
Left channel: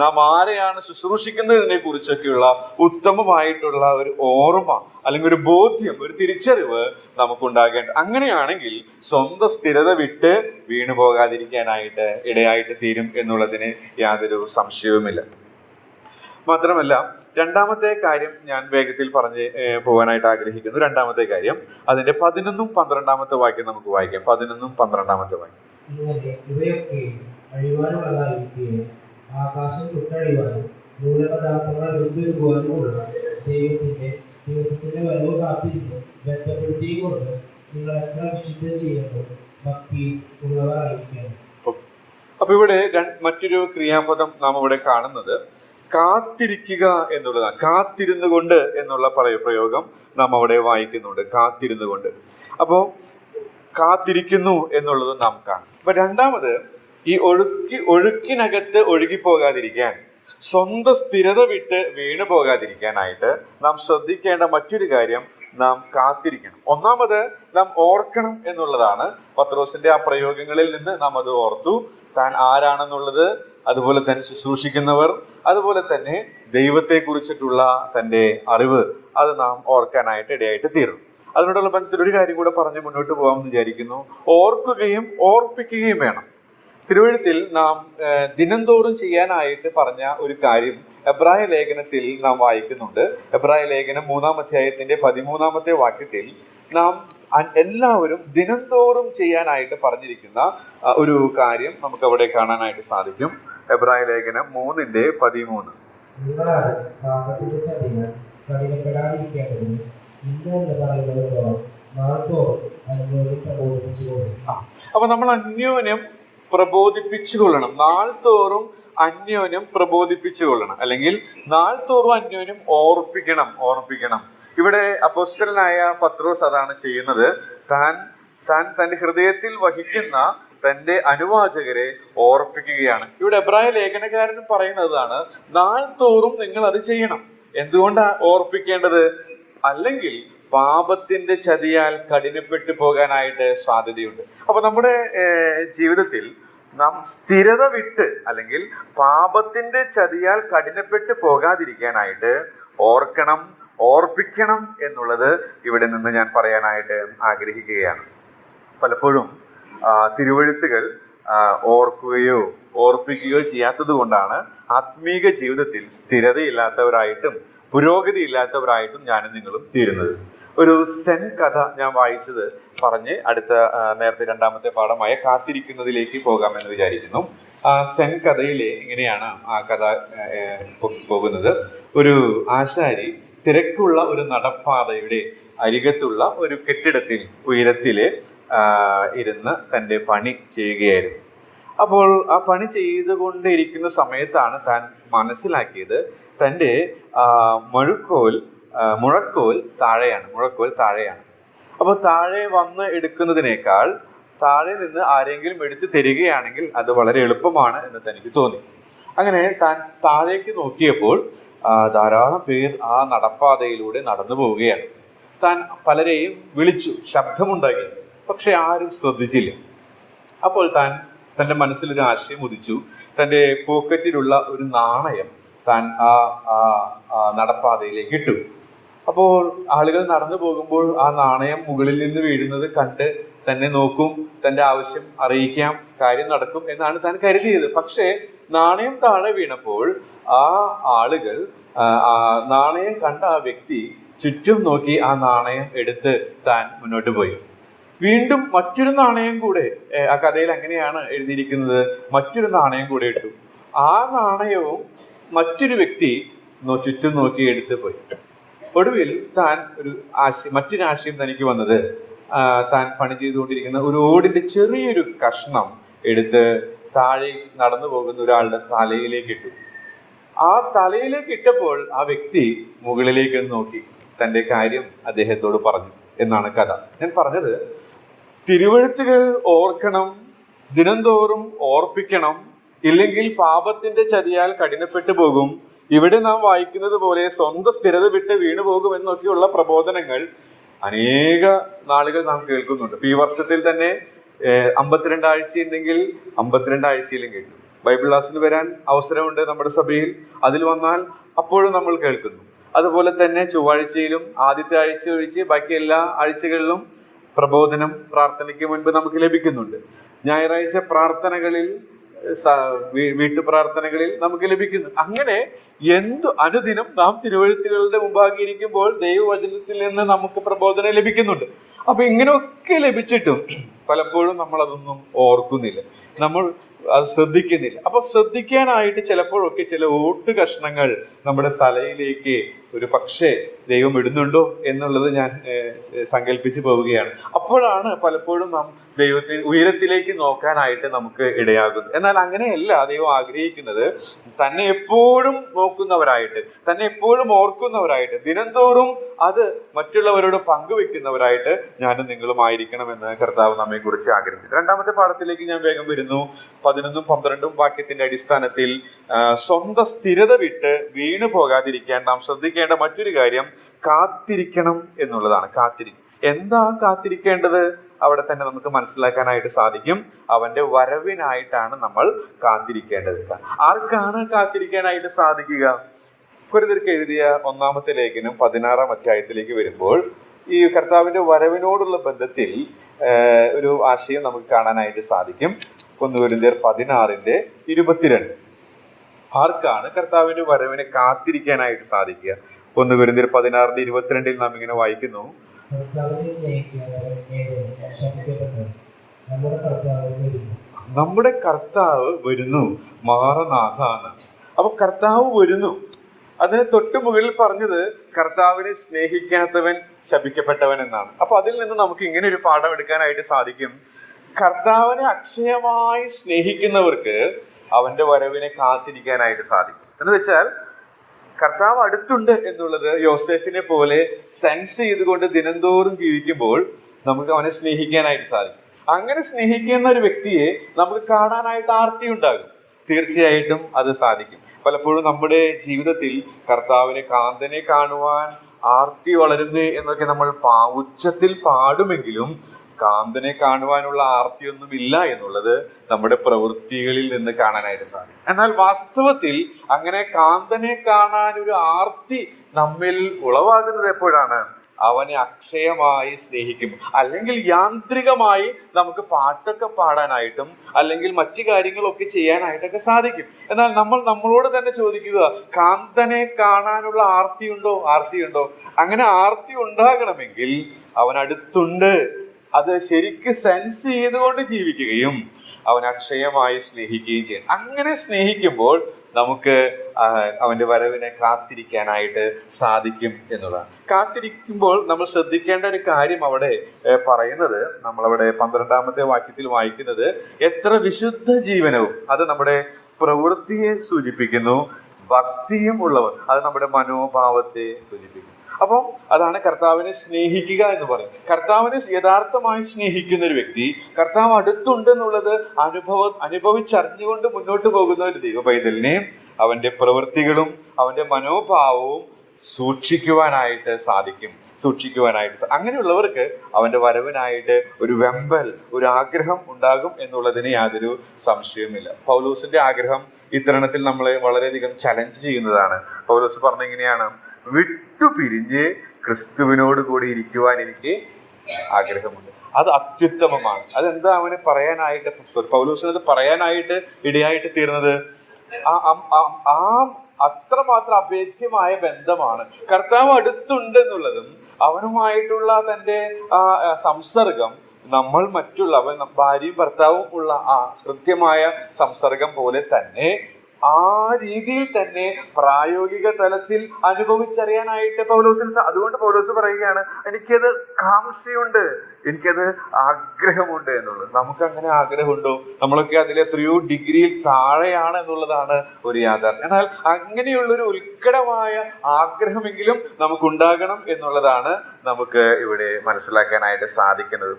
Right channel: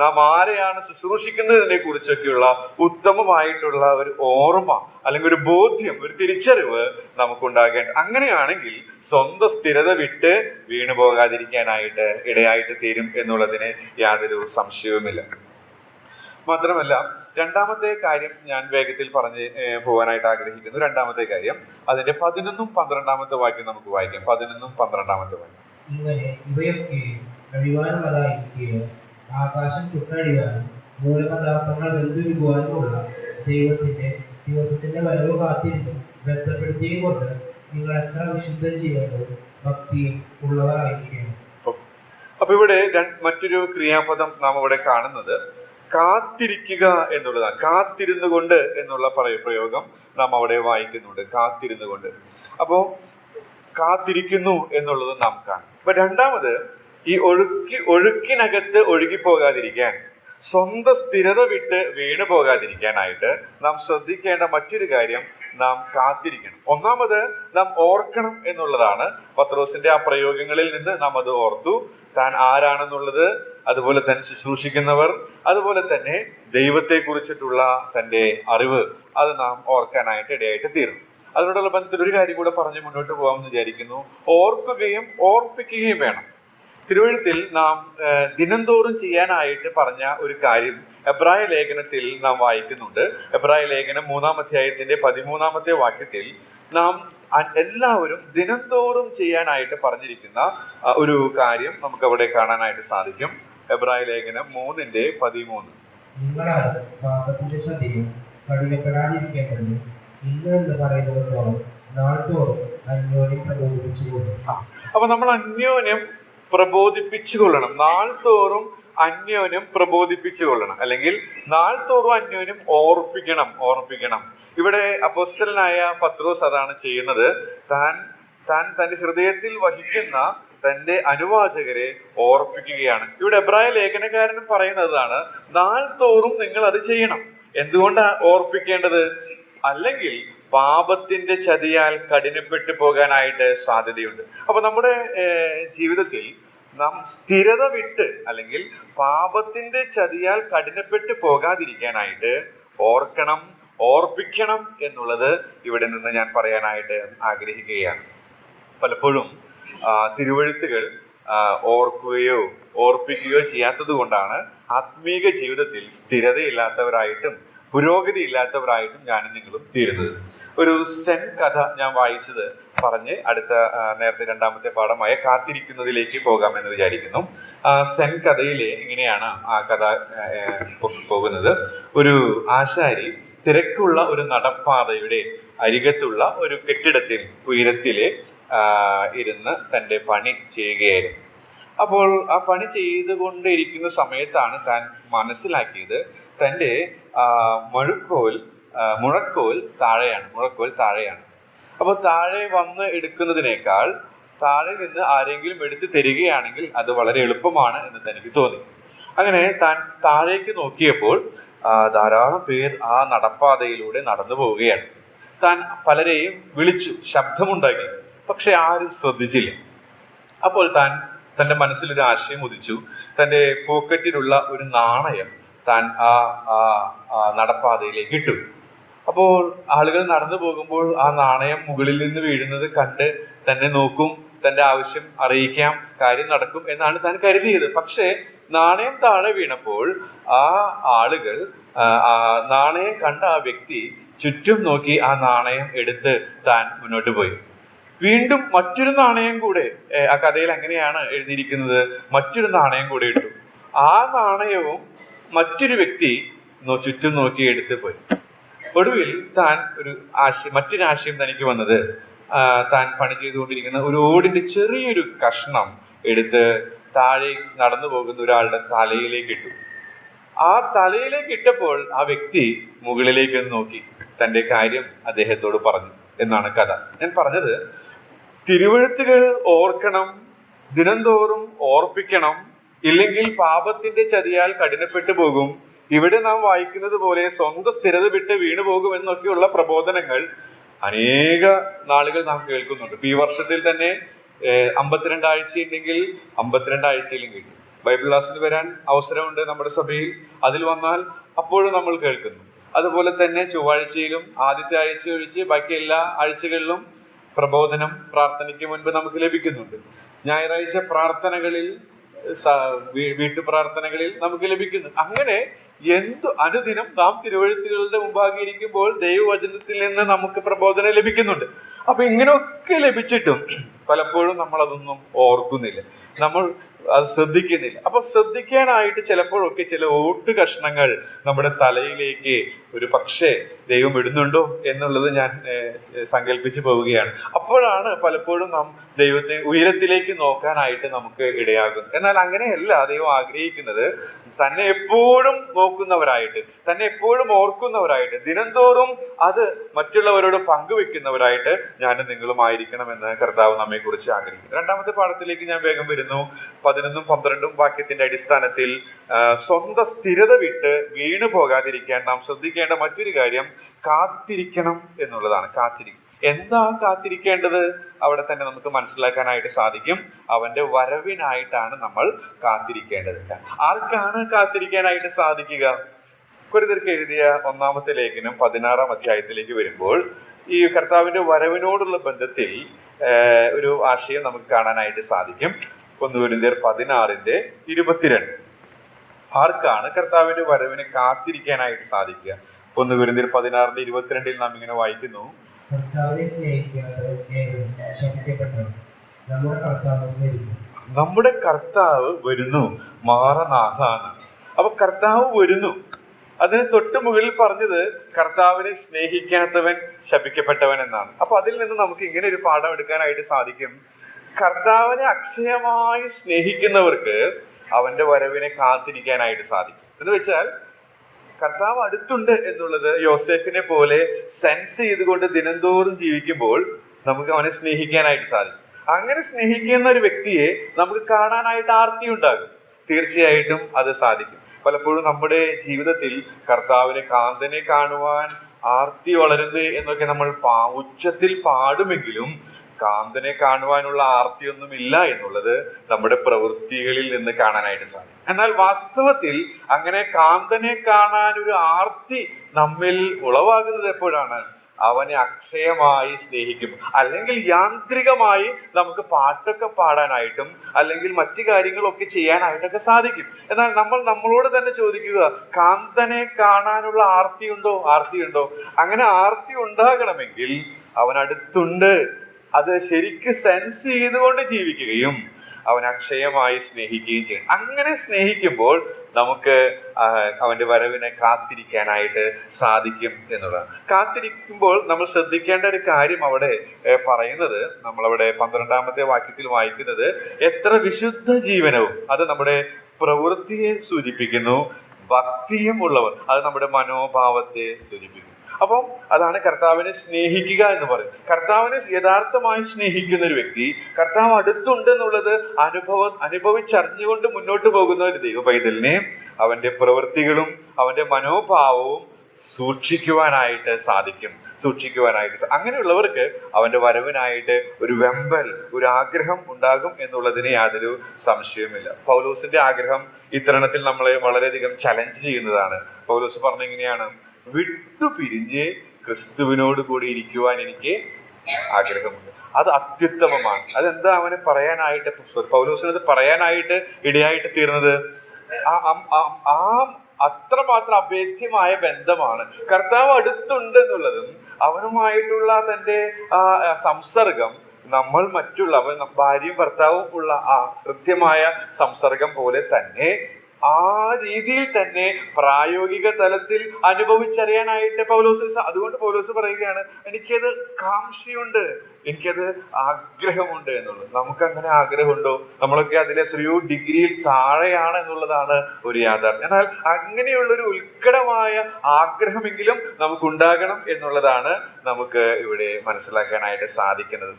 നാം ആരെയാണ് ശുശ്രൂഷിക്കുന്നതിനെ കുറിച്ചൊക്കെയുള്ള ഉത്തമമായിട്ടുള്ള ഒരു ഓർമ്മ അല്ലെങ്കിൽ ഒരു ബോധ്യം, ഒരു തിരിച്ചറിവ് നമുക്കുണ്ടാകേണ്ട. അങ്ങനെയാണെങ്കിൽ സ്വന്തം സ്ഥിരത വിട്ട് വീണു പോകാതിരിക്കാനായിട്ട് ഇടയായിട്ട് തീരും എന്നുള്ളതിന് യാതൊരു സംശയവുമില്ല. മാത്രമല്ല, 2-ാമത്തെ കാര്യം ഞാൻ വേഗത്തിൽ പറഞ്ഞ് പോകാനായിട്ട് ആഗ്രഹിക്കുന്നു. 2-ാമത്തെ കാര്യം അതിന്റെ 11ഉം 12-ാമത്തെ വാക്യം നമുക്ക് വായിക്കാം. 11ഉം 12-ാമത്തെ വാക്യം. ഇങ്ങനെ ഇവയൊക്കെ അഴിവാനുള്ളതായിരിക്കുകയോ ആകാശം ചുട്ടഴിവാനും മൂലപദാർത്ഥങ്ങൾ വെന്തുരുകുവാനുമുള്ള ദൈവത്തിന്റെ ദിവസത്തിന്റെ വരവ് കാത്തിരുന്ന് ബന്ധപ്പെടുത്തിയും കൊണ്ട് നിങ്ങൾ എത്ര വിശുദ്ധ ജീവനും ഭക്തിയും ഉള്ളവരായിരിക്കണം. അപ്പൊ ഇവിടെ മറ്റൊരു ക്രിയാപദം നാം ഇവിടെ കാണുന്നത് കാത്തിരിക്കുക എന്നുള്ളതാണ്. കാത്തിരുന്നു കൊണ്ട് എന്നുള്ള പ്രയോഗം നാം അവിടെ വായിക്കുന്നുണ്ട്. കാത്തിരുന്നു കൊണ്ട്. അപ്പോ കാത്തിരിക്കുന്നു എന്നുള്ളത് നാം കാണും. അപ്പൊ 2-ാമത്, ഈ ഒഴുക്കിനകത്ത് ഒഴുകിപ്പോകാതിരിക്കാൻ, സ്വന്തം സ്ഥിരത വിട്ട് വീണു പോകാതിരിക്കാനായിട്ട് നാം ശ്രദ്ധിക്കേണ്ട മറ്റൊരു കാര്യം, നാം കാത്തിരിക്കണം. 1-ാമത് നാം ഓർക്കണം എന്നുള്ളതാണ്. പത്രോസിന്റെ ആ പ്രയോഗങ്ങളിൽ നിന്ന് നാം അത് ഓർത്തു. താൻ ആരാണെന്നുള്ളത്, അതുപോലെ തന്നെ ശുശ്രൂഷിക്കുന്നവർ, അതുപോലെ തന്നെ ദൈവത്തെ കുറിച്ചിട്ടുള്ള തന്റെ അറിവ്, അത് നാം ഓർക്കാനായിട്ട് ഇടയായിട്ട് തീർന്നു. അതിനോടുള്ള ബന്ധത്തിൽ ഒരു കാര്യം കൂടെ പറഞ്ഞ് മുന്നോട്ട് പോകാമെന്ന് വിചാരിക്കുന്നു. ഓർക്കുകയും ഓർപ്പിക്കുകയും വേണം. തിരുവെഴുത്തിൽ നാം ദിനംതോറും ചെയ്യാനായിട്ട് പറഞ്ഞ ഒരു കാര്യം എബ്രായ ലേഖനത്തിൽ നാം വായിക്കുന്നുണ്ട്. എബ്രായ ലേഖനം 3-ാം അധ്യായത്തിന്റെ 13-ാമത്തെ വാക്യത്തിൽ നാം എല്ലാവരും ദിനംതോറും ചെയ്യാനായിട്ട് പറഞ്ഞിരിക്കുന്ന ഒരു കാര്യം നമുക്ക് അവിടെ കാണാനായിട്ട് സാധിക്കും. എബ്രായ ലേഖനം 3:13. നിങ്ങളാരും പാപത്തിന്റെ ചതിയാൽ കഠിനപ്പെടാതിരിക്കേണ്ടതിന് ഇന്ന് എന്ന് പറയുന്നതോളം നാൾതോറും അന്യോന്യം പ്രബോധിപ്പിച്ചുകൊള്ളും. അപ്പൊ നമ്മൾ അന്യോന്യം പ്രബോധിപ്പിച്ചുകൊള്ളണം. നാൾതോറും അന്യോന്യം പ്രബോധിപ്പിച്ചുകൊള്ളണം, അല്ലെങ്കിൽ നാൾതോറും അന്യോന്യം ഓർപ്പിക്കണം. ഇവിടെ അപ്പോസ്തലനായ പത്രോസ് അതാണ് ചെയ്യുന്നത്. താൻ തന്റെ ഹൃദയത്തിൽ വഹിക്കുന്ന തന്റെ അനുവാചകരെ ഓർപ്പിക്കുകയാണ്. ഇവിടെ എബ്രായ ലേഖനകാരനും പറയുന്നതാണ്, നാൾതോറും നിങ്ങൾ അത് ചെയ്യണം. എന്തുകൊണ്ടാണ് ഓർപ്പിക്കേണ്ടത്? അല്ലെങ്കിൽ പാപത്തിന്റെ ചതിയാൽ കഠിനപ്പെട്ടു പോകാനായിട്ട് സാധ്യതയുണ്ട്. അപ്പൊ നമ്മുടെ ജീവിതത്തിൽ നാം സ്ഥിരത വിട്ട് അല്ലെങ്കിൽ പാപത്തിന്റെ ചതിയാൽ കഠിനപ്പെട്ടു പോകാതിരിക്കാനായിട്ട് ഓർപ്പിക്കണം എന്നുള്ളത് ഇവിടെ നിന്ന് ഞാൻ പറയാനായിട്ട് ആഗ്രഹിക്കുകയാണ്. പലപ്പോഴും തിരുവെഴുത്തുകൾ ഓർക്കുകയോ ഓർപ്പിക്കുകയോ ചെയ്യാത്തത് കൊണ്ടാണ് ആത്മീക ജീവിതത്തിൽ സ്ഥിരതയില്ലാത്തവരായിട്ടും പുരോഗതി ഇല്ലാത്തവരായിട്ടും ഞാനും നിങ്ങളും തീരുന്നത്. ഒരു സെൻ കഥ ഞാൻ വായിച്ചത് പറഞ്ഞ് അടുത്ത നേരത്തെ 2-ാമത്തെ പാഠമായ കാത്തിരിക്കുന്നതിലേക്ക് പോകാമെന്ന് വിചാരിക്കുന്നു. ആ സെൻ കഥയിലെ ഇങ്ങനെയാണ് ആ കഥ പോകുന്നത്. ഒരു ആശാരി തിരക്കുള്ള ഒരു നടപ്പാതയുടെ അരികത്തുള്ള ഒരു കെട്ടിടത്തിൽ ഉയരത്തില് ഇരുന്ന് തന്റെ പണി ചെയ്യുകയായിരുന്നു. അപ്പോൾ ആ പണി ചെയ്തുകൊണ്ടിരിക്കുന്ന സമയത്താണ് താൻ മനസ്സിലാക്കിയത് തന്റെ മുഴക്കോൽ താഴെയാണ്. അപ്പോൾ താഴെ വന്ന് എടുക്കുന്നതിനേക്കാൾ താഴെ നിന്ന് ആരെങ്കിലും എടുത്ത് തരികയാണെങ്കിൽ അത് വളരെ എളുപ്പമാണ് എന്ന് തനിക്ക് തോന്നി. അങ്ങനെ താൻ താഴേക്ക് നോക്കിയപ്പോൾ ധാരാളം പേർ ആ നടപ്പാതയിലൂടെ നടന്നു പോവുകയാണ്. താൻ പലരെയും വിളിച്ചു, ശബ്ദമുണ്ടാക്കി, പക്ഷെ ആരും ശ്രദ്ധിച്ചില്ല. അപ്പോൾ തന്റെ മനസ്സിലൊരു ആശയം ഉദിച്ചു. തന്റെ പോക്കറ്റിലുള്ള ഒരു നാണയം താൻ ആ നടപ്പാതയിലേക്ക് ഇട്ടു. അപ്പോൾ ആളുകൾ നടന്നു പോകുമ്പോൾ ആ നാണയം മുകളിൽ നിന്ന് വീഴുന്നത് കണ്ട് തന്നെ നോക്കും, തന്റെ ആവശ്യം അറിയിക്കാം, കാര്യം നടക്കും എന്നാണ് താൻ കരുതിയത്. പക്ഷേ നാണയം താഴെ വീണപ്പോൾ ആ ആളുകൾ നാണയം കണ്ട ആ വ്യക്തി ചുറ്റും നോക്കി ആ നാണയം എടുത്ത് താൻ മുന്നോട്ട് പോയി. വീണ്ടും മറ്റൊരു നാണയം കൂടെ, ആ കഥയിൽ അങ്ങനെയാണ് എഴുതിയിരിക്കുന്നത്, മറ്റൊരു നാണയം കൂടെ ഇട്ടു. ആ നാണയവും മറ്റൊരു വ്യക്തി ചുറ്റും നോക്കി എടുത്ത് പോയി. ഒടുവിൽ താൻ മറ്റൊരു ആശയം തനിക്ക് വന്നത്, താൻ പണി ചെയ്തുകൊണ്ടിരിക്കുന്ന ഒരു ഓടിന്റെ ചെറിയൊരു കഷ്ണം എടുത്ത് താഴെ നടന്നു പോകുന്ന ഒരാളുടെ തലയിലേക്ക് ഇട്ടു. ആ തലയിലേക്ക് ഇട്ടപ്പോൾ ആ വ്യക്തി മുകളിലേക്ക് നോക്കി തന്റെ കാര്യം അദ്ദേഹത്തോട് പറഞ്ഞു എന്നാണ് കഥ. ഞാൻ പറഞ്ഞത്, തിരുവെഴുത്തുകൾ ഓർക്കണം, ദിനംതോറും ഓർപ്പിക്കണം, ഇല്ലെങ്കിൽ പാപത്തിന്റെ ചതിയാൽ കഠിനപ്പെട്ടു പോകും, ഇവിടെ നാം വായിക്കുന്നത് പോലെ സ്വന്തം സ്ഥിരത വിട്ട് വീണു പോകും എന്നൊക്കെയുള്ള പ്രബോധനങ്ങൾ അനേക നാളുകൾ നാം കേൾക്കുന്നുണ്ട്. ഈ വർഷത്തിൽ തന്നെ 52 ആഴ്ചയുണ്ടെങ്കിൽ 52 ആഴ്ചയിലും കേൾക്കും. ബൈബിൾ ക്ലാസ്സിന് വരാൻ അവസരമുണ്ട് നമ്മുടെ സഭയിൽ, അതിൽ വന്നാൽ അപ്പോഴും നമ്മൾ കേൾക്കുന്നു. അതുപോലെ തന്നെ ചൊവ്വാഴ്ചയിലും ആദ്യത്തെ ആഴ്ച ഒഴിച്ച് ബാക്കി എല്ലാ ആഴ്ചകളിലും പ്രബോധനം പ്രാർത്ഥനയ്ക്ക് മുൻപ് നമുക്ക് ലഭിക്കുന്നുണ്ട്. ഞായറാഴ്ച പ്രാർത്ഥനകളിൽ, വീട്ടു പ്രാർത്ഥനകളിൽ നമുക്ക് ലഭിക്കുന്നു. അങ്ങനെ അനുദിനം നാം തിരുവെഴുത്തുകളുടെ മുമ്പാകെ ഇരിക്കുമ്പോൾ ദൈവവചനത്തിൽ നിന്ന് നമുക്ക് പ്രബോധനം ലഭിക്കുന്നുണ്ട്. അപ്പൊ ഇങ്ങനെയൊക്കെ ലഭിച്ചിട്ടും പലപ്പോഴും നമ്മൾ അതൊന്നും ഓർക്കുന്നില്ല, നമ്മൾ അത് ശ്രദ്ധിക്കുന്നില്ല. അപ്പൊ ശ്രദ്ധിക്കാനായിട്ട് ചിലപ്പോഴൊക്കെ ചില ഓട്ട് കഷ്ണങ്ങൾ നമ്മുടെ തലയിലേക്ക് ഒരു പക്ഷേ ദൈവം ഇടുന്നുണ്ടോ എന്നുള്ളത് ഞാൻ സങ്കല്പിച്ചു പോവുകയാണ്. അപ്പോഴാണ് പലപ്പോഴും നാം ദൈവത്തെ ഉയരത്തിലേക്ക് നോക്കാനായിട്ട് നമുക്ക് ഇടയാകുന്നത്. എന്നാൽ അങ്ങനെയല്ല ദൈവം ആഗ്രഹിക്കുന്നത്. തന്നെ എപ്പോഴും നോക്കുന്നവരായിട്ട്, തന്നെ എപ്പോഴും ഓർക്കുന്നവരായിട്ട്, ദിനംതോറും അത് മറ്റുള്ളവരോട് പങ്കുവെക്കുന്നവരായിട്ട് ഞാനും നിങ്ങളും ആയിരിക്കണമെന്ന് കർത്താവ് നമ്മെ കുറിച്ച് ആഗ്രഹിക്കുന്നു. രണ്ടാമത്തെ പാഠത്തിലേക്ക് ഞാൻ വേഗം വരുന്നു. 11ഉം 12ഉം വാക്യത്തിന്റെ അടിസ്ഥാനത്തിൽ സ്വന്തം സ്ഥിരത വിട്ട് വീണു പോകാതിരിക്കാൻ നാം ശ്രദ്ധിക്കേണ്ട മറ്റൊരു കാര്യം കാത്തിരിക്കണം എന്നുള്ളതാണ്. കാത്തിരിക്കും. എന്താ കാത്തിരിക്കേണ്ടത്? അവിടെ തന്നെ നമുക്ക് മനസ്സിലാക്കാനായിട്ട് സാധിക്കും. അവന്റെ വരവിനായിട്ടാണ് നമ്മൾ കാത്തിരിക്കേണ്ടത്. ആർക്കാണ് കാത്തിരിക്കാനായിട്ട് സാധിക്കുക? കൊരിന്ത്യർക്ക് എഴുതിയ 1-ാമത്തെ ലേഖനം 16-ാം അധ്യായത്തിലേക്ക് വരുമ്പോൾ ഈ കർത്താവിന്റെ വരവിനോടുള്ള ബന്ധത്തിൽ ഒരു ആശയം നമുക്ക് കാണാനായിട്ട് സാധിക്കും. 1 കൊരിന്ത്യർ 16:22. ആർക്കാണ് കർത്താവിന്റെ വരവിനെ കാത്തിരിക്കാനായിട്ട് സാധിക്കുക? 1 കൊരിന്ത്യർ 16:22 നാം ഇങ്ങനെ വായിക്കുന്നു, കർത്താവിനെ സ്നേഹിക്കാത്തവൻ ഏവനും ശപിക്കപ്പെട്ടവൻ, നമ്മുടെ കർത്താവ് വരുന്നു. നമ്മുടെ കർത്താവ് വരുന്നു, മാറനാഥാണ്. അപ്പൊ കർത്താവ് വരുന്നു. അതിന് തൊട്ടു മുകളിൽ പറഞ്ഞത് കർത്താവിനെ സ്നേഹിക്കാത്തവൻ ശപിക്കപ്പെട്ടവൻ എന്നാണ്. അപ്പൊ അതിൽ നിന്ന് നമുക്ക് ഇങ്ങനെ ഒരു പാഠം എടുക്കാനായിട്ട് സാധിക്കും. കർത്താവിനെ അക്ഷയമായി സ്നേഹിക്കുന്നവർക്ക് അവന്റെ വരവിനെ കാത്തിരിക്കാനായിട്ട് സാധിക്കും. എന്ന് വെച്ചാൽ കർത്താവ് അടുത്തുണ്ട് എന്നുള്ളത് യോസേഫിനെ പോലെ സെൻസ് ചെയ്തുകൊണ്ട് ദിനംതോറും ജീവിക്കുമ്പോൾ നമുക്ക് അവനെ സ്നേഹിക്കാനായിട്ട് സാധിക്കും. അങ്ങനെ സ്നേഹിക്കുന്ന ഒരു വ്യക്തിയെ നമുക്ക് കാണാനായിട്ട് ആർത്തി ഉണ്ടാകും. തീർച്ചയായിട്ടും അത് സാധിക്കും. പലപ്പോഴും നമ്മുടെ ജീവിതത്തിൽ കർത്താവിനെ, കാന്തനെ കാണുവാൻ ആർത്തി വളരുന്നത് എന്നൊക്കെ നമ്മൾ ഉച്ചത്തിൽ പാടുമെങ്കിലും കാന്തനെ കാണുവാനുള്ള ആർത്തിയൊന്നുമില്ല എന്നുള്ളത് നമ്മുടെ പ്രവൃത്തികളിൽ നിന്ന് കാണാനായിട്ട് സാധിക്കും. എന്നാൽ വാസ്തവത്തിൽ അങ്ങനെ കാന്തനെ കാണാൻ ഒരു ആർത്തി നമ്മിൽ ഉളവാകുന്നത് എപ്പോഴാണ്? അവനെ അക്ഷയമായി സ്നേഹിക്കും. അല്ലെങ്കിൽ യാന്ത്രികമായി നമുക്ക് പാട്ടൊക്കെ പാടാനായിട്ടും അല്ലെങ്കിൽ മറ്റു കാര്യങ്ങളൊക്കെ ചെയ്യാനായിട്ടൊക്കെ സാധിക്കും. എന്നാൽ നമ്മൾ നമ്മളോട് തന്നെ ചോദിക്കുക, കാന്തനെ കാണാനുള്ള ആർത്തിയുണ്ടോ? അങ്ങനെ ആർത്തി ഉണ്ടാകണമെങ്കിൽ അവൻ അടുത്തുണ്ട്. അത് ശരിക്ക് സെൻസ് ചെയ്തുകൊണ്ട് ജീവിക്കുകയും അവൻ അക്ഷയമായി സ്നേഹിക്കുകയും ചെയ്യണം. അങ്ങനെ സ്നേഹിക്കുമ്പോൾ നമുക്ക് അവന്റെ വരവിനെ കാത്തിരിക്കാനായിട്ട് സാധിക്കും എന്നുള്ളതാണ്. കാത്തിരിക്കുമ്പോൾ നമ്മൾ ശ്രദ്ധിക്കേണ്ട ഒരു കാര്യം അവിടെ പറയുന്നത്, നമ്മളവിടെ 12-ാമത്തെ വാക്യത്തിൽ വായിക്കുന്നത്, എത്ര വിശുദ്ധ ജീവനവും, അത് നമ്മുടെ പ്രവൃത്തിയെ സൂചിപ്പിക്കുന്നു. ഭക്തിയും ഉള്ളവർ, അത് നമ്മുടെ മനോഭാവത്തെ സൂചിപ്പിക്കുന്നു. അപ്പം അതാണ് കർത്താവിനെ സ്നേഹിക്കുക എന്ന് പറയുന്നത്. കർത്താവിനെ യഥാർത്ഥമായി സ്നേഹിക്കുന്ന ഒരു വ്യക്തി, കർത്താവ് അടുത്തുണ്ടെന്നുള്ളത് അനുഭവിച്ചറിഞ്ഞുകൊണ്ട് മുന്നോട്ട് പോകുന്ന ഒരു ദൈവ പൈതലിനെ അവന്റെ പ്രവൃത്തികളും അവന്റെ മനോഭാവവും സൂക്ഷിക്കുവാനായിട്ട് സാധിക്കും. അങ്ങനെയുള്ളവർക്ക് അവന്റെ വരവിനായിട്ട് ഒരു വെമ്പൽ, ഒരു ആഗ്രഹം ഉണ്ടാകും എന്നുള്ളതിന് യാതൊരു സംശയവുമില്ല. പൗലോസിന്റെ ആഗ്രഹം ഇത്തരണത്തിൽ നമ്മളെ വളരെയധികം ചലഞ്ച് ചെയ്യുന്നതാണ്. പൗലോസ് പറഞ്ഞ എങ്ങനെയാണ്? വിട്ടുപിരിഞ്ഞ് ക്രിസ്തുവിനോട് കൂടി ഇരിക്കുവാൻ എനിക്ക് ആഗ്രഹമുണ്ട്. അത് അത്യുത്തമമാണ്. അതെന്താ അവന് പറയാനായിട്ട്, പൗലോസിന് അത് പറയാനായിട്ട് ഇടയായിട്ട് തീർന്നത്? അത്രമാത്രം അഭേദ്യമായ ബന്ധമാണ്. കർത്താവ് അടുത്തുണ്ട് എന്നുള്ളതും അവനുമായിട്ടുള്ള തന്റെ സംസർഗം നമ്മൾ മറ്റുള്ളവർ ഭാര്യയും ഭർത്താവും ഉള്ള ആ കൃത്യമായ സംസർഗം പോലെ തന്നെ ആ രീതിയിൽ തന്നെ പ്രായോഗിക തലത്തിൽ അനുഭവിച്ചറിയാനായിട്ട് പൗലോസിന് അതുകൊണ്ട് പൗലോസ് പറയുകയാണ്, എനിക്കത് കാംക്ഷയുണ്ട്, എനിക്കത് ആഗ്രഹമുണ്ട് എന്നുള്ളത്. നമുക്ക് അങ്ങനെ ആഗ്രഹമുണ്ടോ? നമ്മളൊക്കെ അതിൽ എത്രയോ ഡിഗ്രിയിൽ താഴെയാണ് എന്നുള്ളതാണ് ഒരു യാഥാർത്ഥ്യം. എന്നാൽ അങ്ങനെയുള്ളൊരു ഉത്കടമായ ആഗ്രഹമെങ്കിലും നമുക്കുണ്ടാകണം എന്നുള്ളതാണ് നമുക്ക് ഇവിടെ മനസ്സിലാക്കാനായിട്ട് സാധിക്കുന്നത്.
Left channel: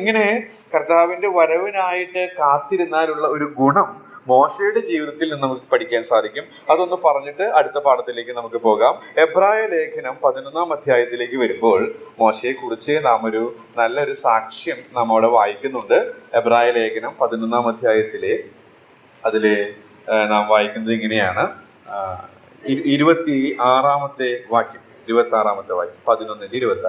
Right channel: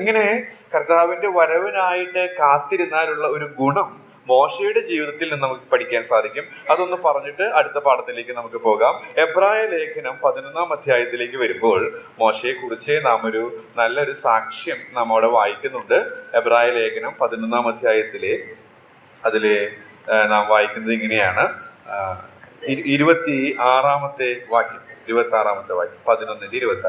ഇങ്ങനെ കർത്താവിന്റെ വരവിനായിട്ട് കാത്തിരുന്നാലുള്ള ഒരു ഗുണം മോശയുടെ ജീവിതത്തിൽ നിന്ന് നമുക്ക് പഠിക്കാൻ സാധിക്കും. അതൊന്ന് പറഞ്ഞിട്ട് അടുത്ത പാഠത്തിലേക്ക് നമുക്ക് പോകാം. എബ്രായ ലേഖനം 11-ാം അധ്യായത്തിലേക്ക് വരുമ്പോൾ മോശയെ കുറിച്ച് നാം ഒരു നല്ലൊരു സാക്ഷ്യം നാം അവിടെ വായിക്കുന്നുണ്ട്. എബ്രായ ലേഖനം 11-ാം അധ്യായത്തിലെ അതില് നാം വായിക്കുന്നത് ഇങ്ങനെയാണ്. 26-ാമത്തെ വാക്യം 26-ാമത്തെ വാക്യം 11-26.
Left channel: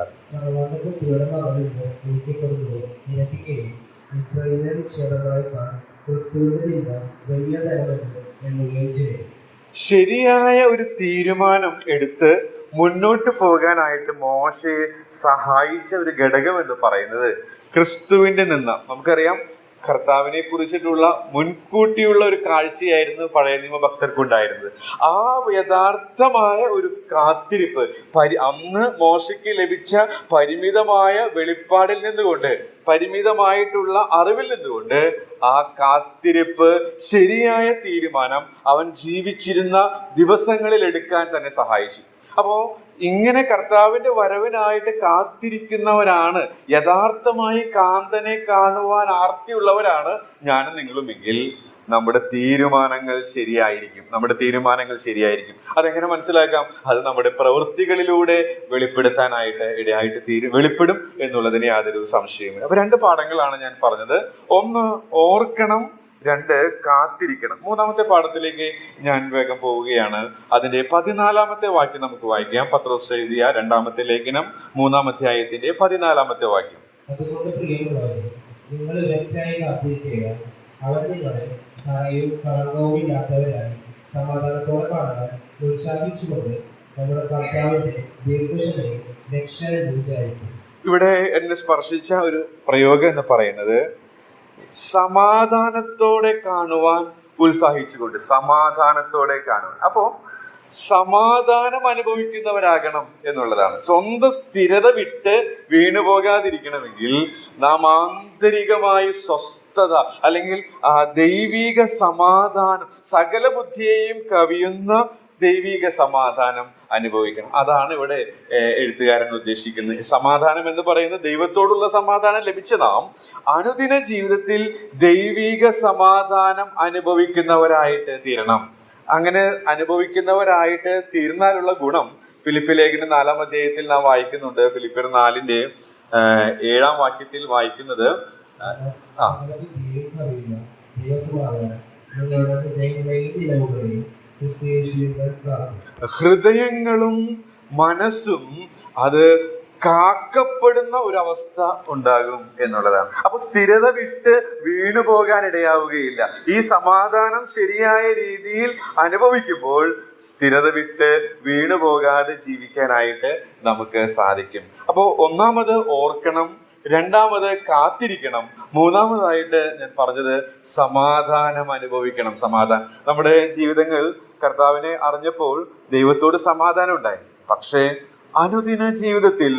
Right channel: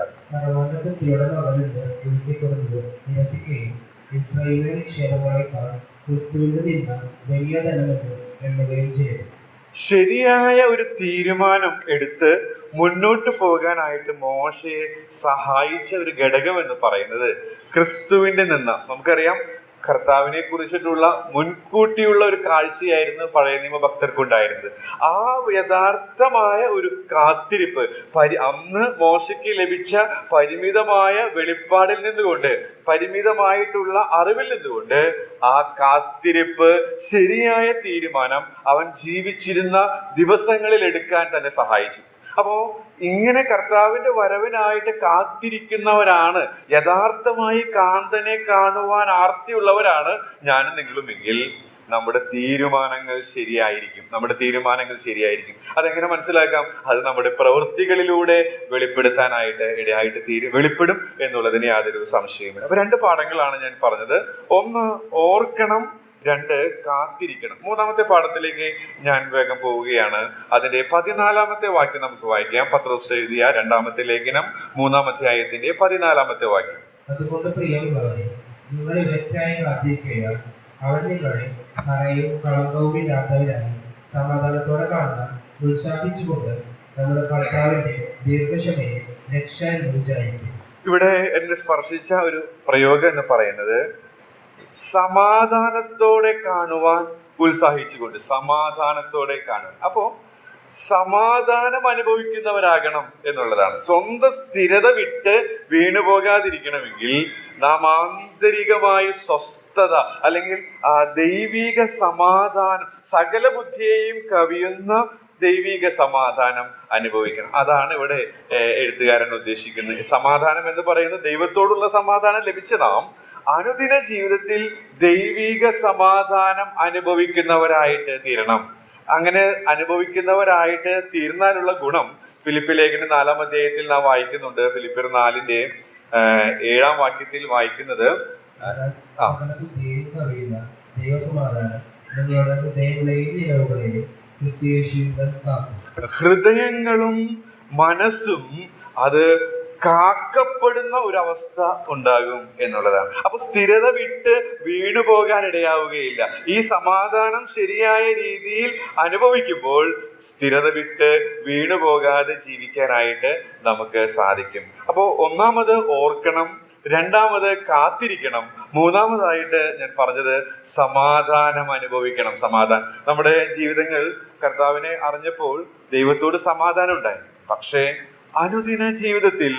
ശരിയായ ഒരു തീരുമാനം എടുത്ത് മുന്നോട്ട് പോകാനായിട്ട് മോശയെ സഹായിച്ച ഒരു ഘടകം എന്ന് പറയുന്നത് ക്രിസ്തുവിന്റെ നിന്ന്. നമുക്കറിയാം, കർത്താവിനെ കുറിച്ചിട്ടുള്ള മുൻകൂട്ടിയുള്ള ഒരു കാഴ്ചയായിരുന്നു പഴയ നിയമ ഭക്തർക്കുണ്ടായിരുന്നത്. ആ യഥാർത്ഥമായ ഒരു കാത്തിരിപ്പ് അന്ന് മോശയ്ക്ക് ലഭിച്ച പരിമിതമായ വെളിപ്പാടിൽ നിന്നുകൊണ്ട്, പരിമിതമായിട്ടുള്ള അറിവിൽ നിന്നുകൊണ്ട് ആ കാത്തിരിപ്പ്, ശരിയായ തീരുമാനം അവൻ ജീവിച്ചിരുന്ന ദിവസങ്ങളിൽ എടുക്കാൻ തന്നെ സഹായിച്ചു. അപ്പോ ഇങ്ങനെ കർത്താവിന്റെ വരവിനായിട്ട് കാത്തിരിക്കുന്നവരാണ്, യഥാർത്ഥമായി കാന്തനെ കാണുവാൻ ആർത്തിയുള്ളവരാണ് ഞാനും നിങ്ങളുമെങ്കിൽ നമ്മുടെ തീരുമാനങ്ങൾ ശരിയായിരിക്കും. അതെങ്ങനെ മനസ്സിലാക്കാം? അത് നമ്മുടെ പ്രവൃത്തികളിലൂടെ വെളിപ്പെടുത്താനായിട്ട് വെളിപ്പെടും എന്നുള്ളതിന് യാതൊരു സംശയമില്ല. അപ്പൊ 2 പാഠങ്ങളാണ് ഞാൻ പറഞ്ഞത്. 1 ഓർക്കണം, 2 കാത്തിരിക്കണം. 3-ാമത്തെ പാഠത്തിലേക്ക് ഞാൻ വേഗം പോവുകയാണ്. അതിന്റെ 14-ാമത്തെ വാക്യം നമുക്ക് വായിക്കാം. പത്രോസ് എഴുതിയ 2-ാമത്തെ ലേഖനം 3-ാം അധ്യായത്തിന്റെ 14-ാമത്തെ വാക്യം. അതുകൊണ്ട് പ്രിയമുള്ളവരെ, നിങ്ങൾ ഇവയ്ക്കായി കാത്തിരിക്കുക. അവൻ നിങ്ങളെ ഭയവും കളങ്കവും ഇല്ലാത്തവരായി സമാധാനത്തോടെ കാണാൻ ഉത്സാഹിച്ചുകൊണ്ട് നമ്മുടെ കർത്താവിന്റെ ദീർഘക്ഷമയെ രക്ഷ എന്ന് വിചാരിക്കും. ഇവിടെ എന്നെ സ്പർശിച്ച ഒരു പ്രയോഗം എന്ന് പറയുന്നത് സമാധാനത്തോടെ കാണുവാൻ ഉത്സാഹിച്ചുകൊണ്ട്, സമാധാനത്തോടെ കാണുവാൻ. അപ്പോ സമാധാനം അനുഭവിക്കുന്നവരാകണം എന്നുള്ളതാണ്. സ്വന്തം സ്ഥിരത വിട്ട് വീണുപോകാതിരിക്കണമെങ്കിൽ നാം ആന്തരികമായി സ്വസ്ഥത അല്ലെങ്കിൽ ദൈവിക സമാധാനം, സകല ബുദ്ധിയെയും കവിയുന്ന ദൈവിക സമാധാനം അനുഭവിക്കണം. അതാണ് ഇവിടെ എഴുത്തുകാരൻ ഉദ്ദേശിക്കുന്നത്. സമാധാനം എന്ന് പറയുന്നത് ദൈവത്തോടുള്ള സമാധാനം ലഭിച്ച നാം അനുദിന ജീവിതത്തിൽ ദൈവിക സമാധാനം അനുഭവിക്കുന്നവരായിട്ട് തീരണം. അങ്ങനെ അനുഭവിക്കുന്നവരായിട്ട് തീർന്നാലുള്ള ഗുണം ഫിലിപ്പിയർ ലേഖനം 4-ാം അധ്യായത്തിൽ നാം വായിക്കുന്നുണ്ട്. ഫിലിപ്പിയർ 4-ന്റെ 7-ാം വാക്യത്തിൽ വായിക്കുന്നത്, ഹൃദയങ്ങളും മനസ്സും അത് കാക്കപ്പെടുന്ന ഒരവസ്ഥ ഉണ്ടാകും എന്നുള്ളതാണ്. അപ്പൊ സ്ഥിരത വിട്ട് വീണു പോകാൻ ഇടയാവുകയില്ല. ഈ സമാധാനം ശരിയായ രീതിയിൽ അനുഭവിക്കുമ്പോൾ സ്ഥിരത വിട്ട് വീണു പോകാതെ ജീവിക്കാനായിട്ട് നമുക്ക് സാധിക്കും. അപ്പോ 1-ാമത് ഓർക്കണം, 2-ാമത് കാത്തിരിക്കണം, 3-ാമതായിട്ട് ഞാൻ പറഞ്ഞത് സമാധാനം അനുഭവിക്കണം. സമാധാനം. നമ്മുടെ ജീവിതങ്ങൾ കർത്താവിനെ അറിഞ്ഞപ്പോൾ ദൈവത്തോട് സമാധാനം ഉണ്ടായി. പക്ഷേ അനുദിന ജീവിതത്തിൽ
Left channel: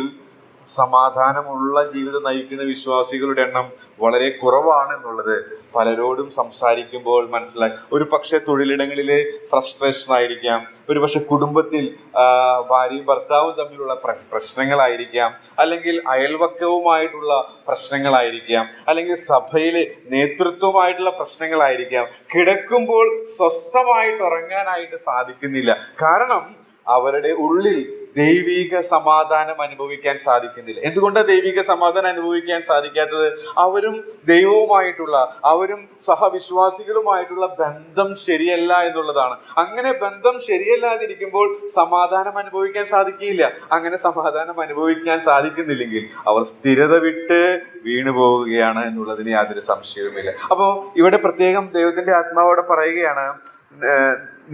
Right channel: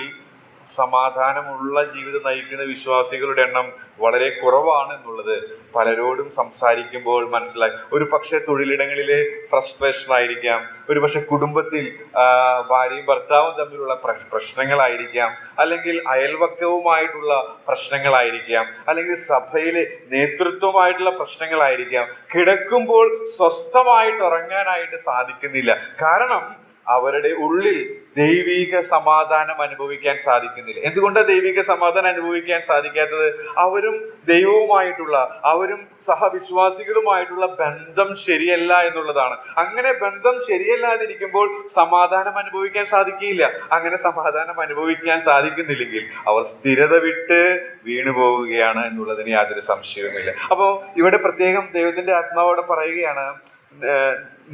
സമാധാനമുള്ള ജീവിതം നയിക്കുന്ന വിശ്വാസികളുടെ എണ്ണം വളരെ കുറവാണ് എന്നുള്ളത് പലരോടും സംസാരിക്കുമ്പോൾ മനസ്സിലായി. ഒരു പക്ഷെ തൊഴിലിടങ്ങളിലെ ഫ്രസ്ട്രേഷൻ ആയിരിക്കാം, ഒരു പക്ഷെ കുടുംബത്തിൽ ഭാര്യയും ഭർത്താവും തമ്മിലുള്ള പ്രശ്നങ്ങളായിരിക്കാം, അല്ലെങ്കിൽ അയൽവക്കവുമായിട്ടുള്ള പ്രശ്നങ്ങളായിരിക്കാം, അല്ലെങ്കിൽ സഭയിലെ നേതൃത്വമായിട്ടുള്ള പ്രശ്നങ്ങളായിരിക്കാം. കിടക്കുമ്പോൾ സ്വസ്ഥമായിട്ട് ഉറങ്ങാനായിട്ട് സാധിക്കുന്നില്ല. കാരണം അവരുടെ ഉള്ളിൽ ദൈവിക സമാധാനം അനുഭവിക്കാൻ സാധിക്കുന്നില്ല. എന്തുകൊണ്ടാണ് ദൈവിക സമാധാനം അനുഭവിക്കാൻ സാധിക്കാത്തത്? അവരും ദൈവവുമായിട്ടുള്ള, അവരും സഹവിശ്വാസികളുമായിട്ടുള്ള ബന്ധം ശരിയല്ല എന്നുള്ളതാണ്. അങ്ങനെ ബന്ധം ശരിയല്ലാതിരിക്കുമ്പോൾ സമാധാനം അനുഭവിക്കാൻ സാധിക്കില്ല. അങ്ങനെ സമാധാനം അനുഭവിക്കാൻ സാധിക്കുന്നില്ലെങ്കിൽ അവർ സ്ഥിരത വിട്ട് വീണു പോവുകയാണ് എന്നുള്ളതിന് യാതൊരു സംശയവുമില്ല. അപ്പോ ഇവിടെ പ്രത്യേകം ദൈവത്തിന്റെ ആത്മാവോടെ പറയുകയാണ്,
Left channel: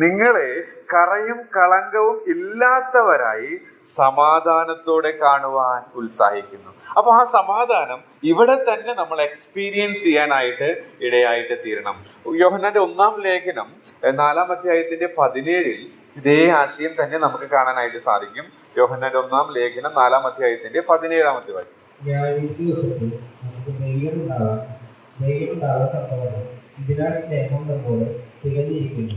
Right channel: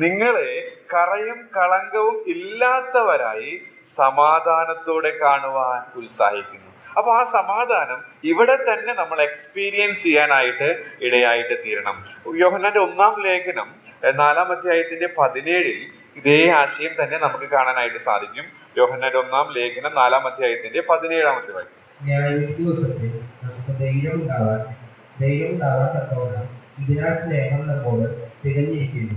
നിങ്ങളെ കറയും കളങ്കവും ഇല്ലാത്തവരായി സമാധാനത്തോടെ കാണുവാൻ ഉത്സാഹിക്കുന്നു. അപ്പൊ ആ സമാധാനം ഇവിടെ തന്നെ നമ്മൾ എക്സ്പീരിയൻസ് ചെയ്യാനായിട്ട് ഇടയായിട്ട് തീരണം. യോഹന്നാന്റെ 1-ാം ലേഖനം 4-ാം അധ്യായത്തിന്റെ 17 ഇതേ ആശയം തന്നെ നമുക്ക് കാണാനായിട്ട് സാധിക്കും. യോഹന്നാന്റെ 1-ാം ലേഖനം 4-ാം അധ്യായത്തിന്റെ 17-ാമത്തെ വാക്യം. ന്യായവിധി ദിവസത്തിൽ നമുക്ക് ധൈര്യമുണ്ടാവാൻ തക്കവണ്ണം ഇതിനാൽ സ്നേഹം നമ്മോട് തികഞ്ഞിരിക്കുന്നു.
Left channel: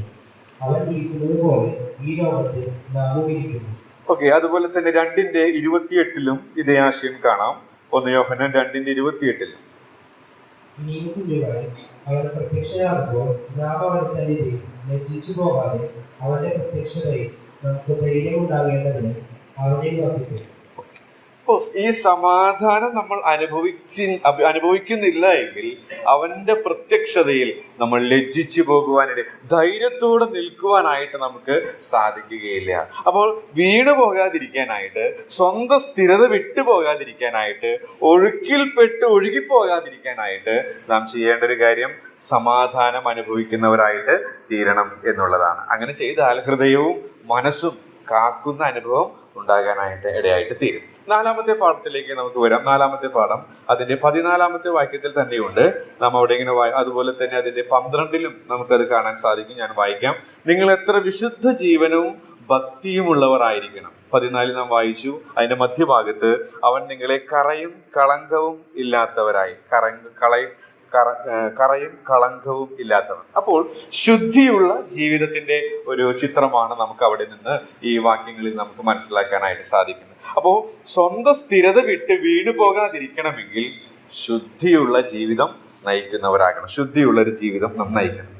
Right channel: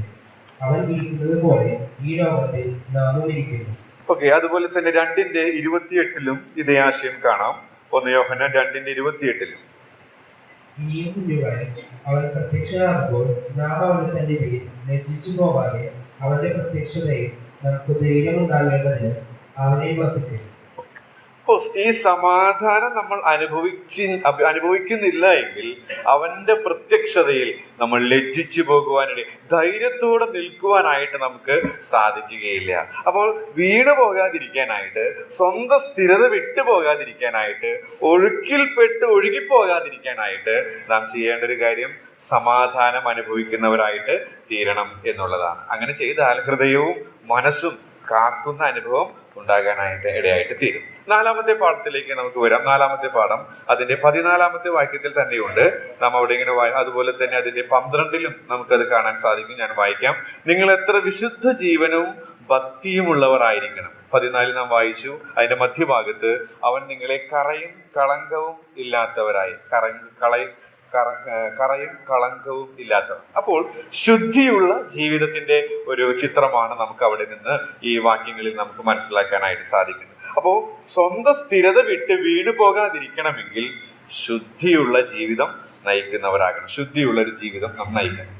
അവൻ ഇരിക്കുന്നത് പോലെ ഈ ലോകത്തിൽ നാമും ഇരിക്കുന്നു. ഓക്കെ, അതുപോലെ തന്നെ 2:28 ഇതേ ആശയം കാണാം. 1 യോഹന്നാൻ 2:28. ഇനിയും കുഞ്ഞുങ്ങളെ, അവൻ പ്രത്യക്ഷനാകുമ്പോൾ നാം അവന്റെ സന്നിധിയിൽ ലജ്ജിച്ചു പോകാതെ അവന്റെ പ്രത്യക്ഷതയിൽ നമുക്ക് ധൈര്യമുണ്ടാകേണ്ടതിന് അവനിൽ വസിക്കും. ഈ സമാധാനം നമ്മൾ അനുഭവിക്കുന്നില്ല എങ്കിൽ അവന്റെ പ്രത്യക്ഷതയിൽ നമ്മൾ ലജ്ജിച്ചു പോകുവാനിടെ ധൈര്യത്തോടെ നിൽക്കുവാനായിട്ട് നമുക്ക് സാധിക്കുകയില്ല. അപ്പോൾ വീണു പോകാതിരിക്കാനായിട്ട്, സ്വന്തം സ്ഥിരത വിട്ടു പോകാതിരിക്കാനായിട്ട്, ഒഴുകിപ്പോകാതിരിക്കാനായിട്ട് നാം ചെയ്യേണ്ട ഒരു കാര്യം സമാധാനം അനുഭവിക്കുന്നവരായിട്ട് തീരണം എന്നുള്ളതാണ്. അങ്ങനെ ചെയ്താൽ ഹൃദയവും മനസ്സും കാക്കുന്ന അനുഭവം ഉണ്ടാകാനായിട്ട് ഇടയായിട്ട് തീരും. 4-ാമത്തെ പാഠത്തിലേക്ക് നമുക്ക് വരാം. 4-ാമത്തെ പാഠം അതിന്റെ 14-ാമത്തെ വാക്യത്തിൽ തന്നെയുണ്ട്. നാം അവിടെ ഇങ്ങനെ അതുപോലെ തന്നെ അതിന്റെ 12 നമുക്കത് കാണാൻ സാധിക്കും. ഞാൻ വായിക്കാം. നിങ്ങൾ എത്ര വിശുദ്ധ ജീവനവും ഭക്തിയുമുള്ളവരായിരിക്കണം. 14 നാം വായിച്ചു. അതിന്റെ മധ്യഭാഗത്ത് അവൻ നിങ്ങളെ കറയും കളങ്കവും ഇല്ലാത്തവരായി, കറയും കളങ്കവും ഇല്ലാത്തവർ. അപ്പോൾ ശുദ്ധിയുള്ള ജീവിതത്തിന്റെ ഒരു ചിത്രമാണ് നമുക്ക് അവിടെ നിന്ന് ഈ വാക്യങ്ങളിൽ നമുക്ക് മനസ്സിലാക്കാനായിട്ട് സാധിക്കുന്നത്. അപ്പോ സ്വന്തം സ്ഥിരത വിട്ട് വീണു പോകാതിരിക്കണമെങ്കിൽ ശുദ്ധിയുള്ള ജീവിതം നയിക്കുന്നവരാകണം. ശുദ്ധിയുള്ള ഒരു ജീവിതം നാം നയിക്കണം.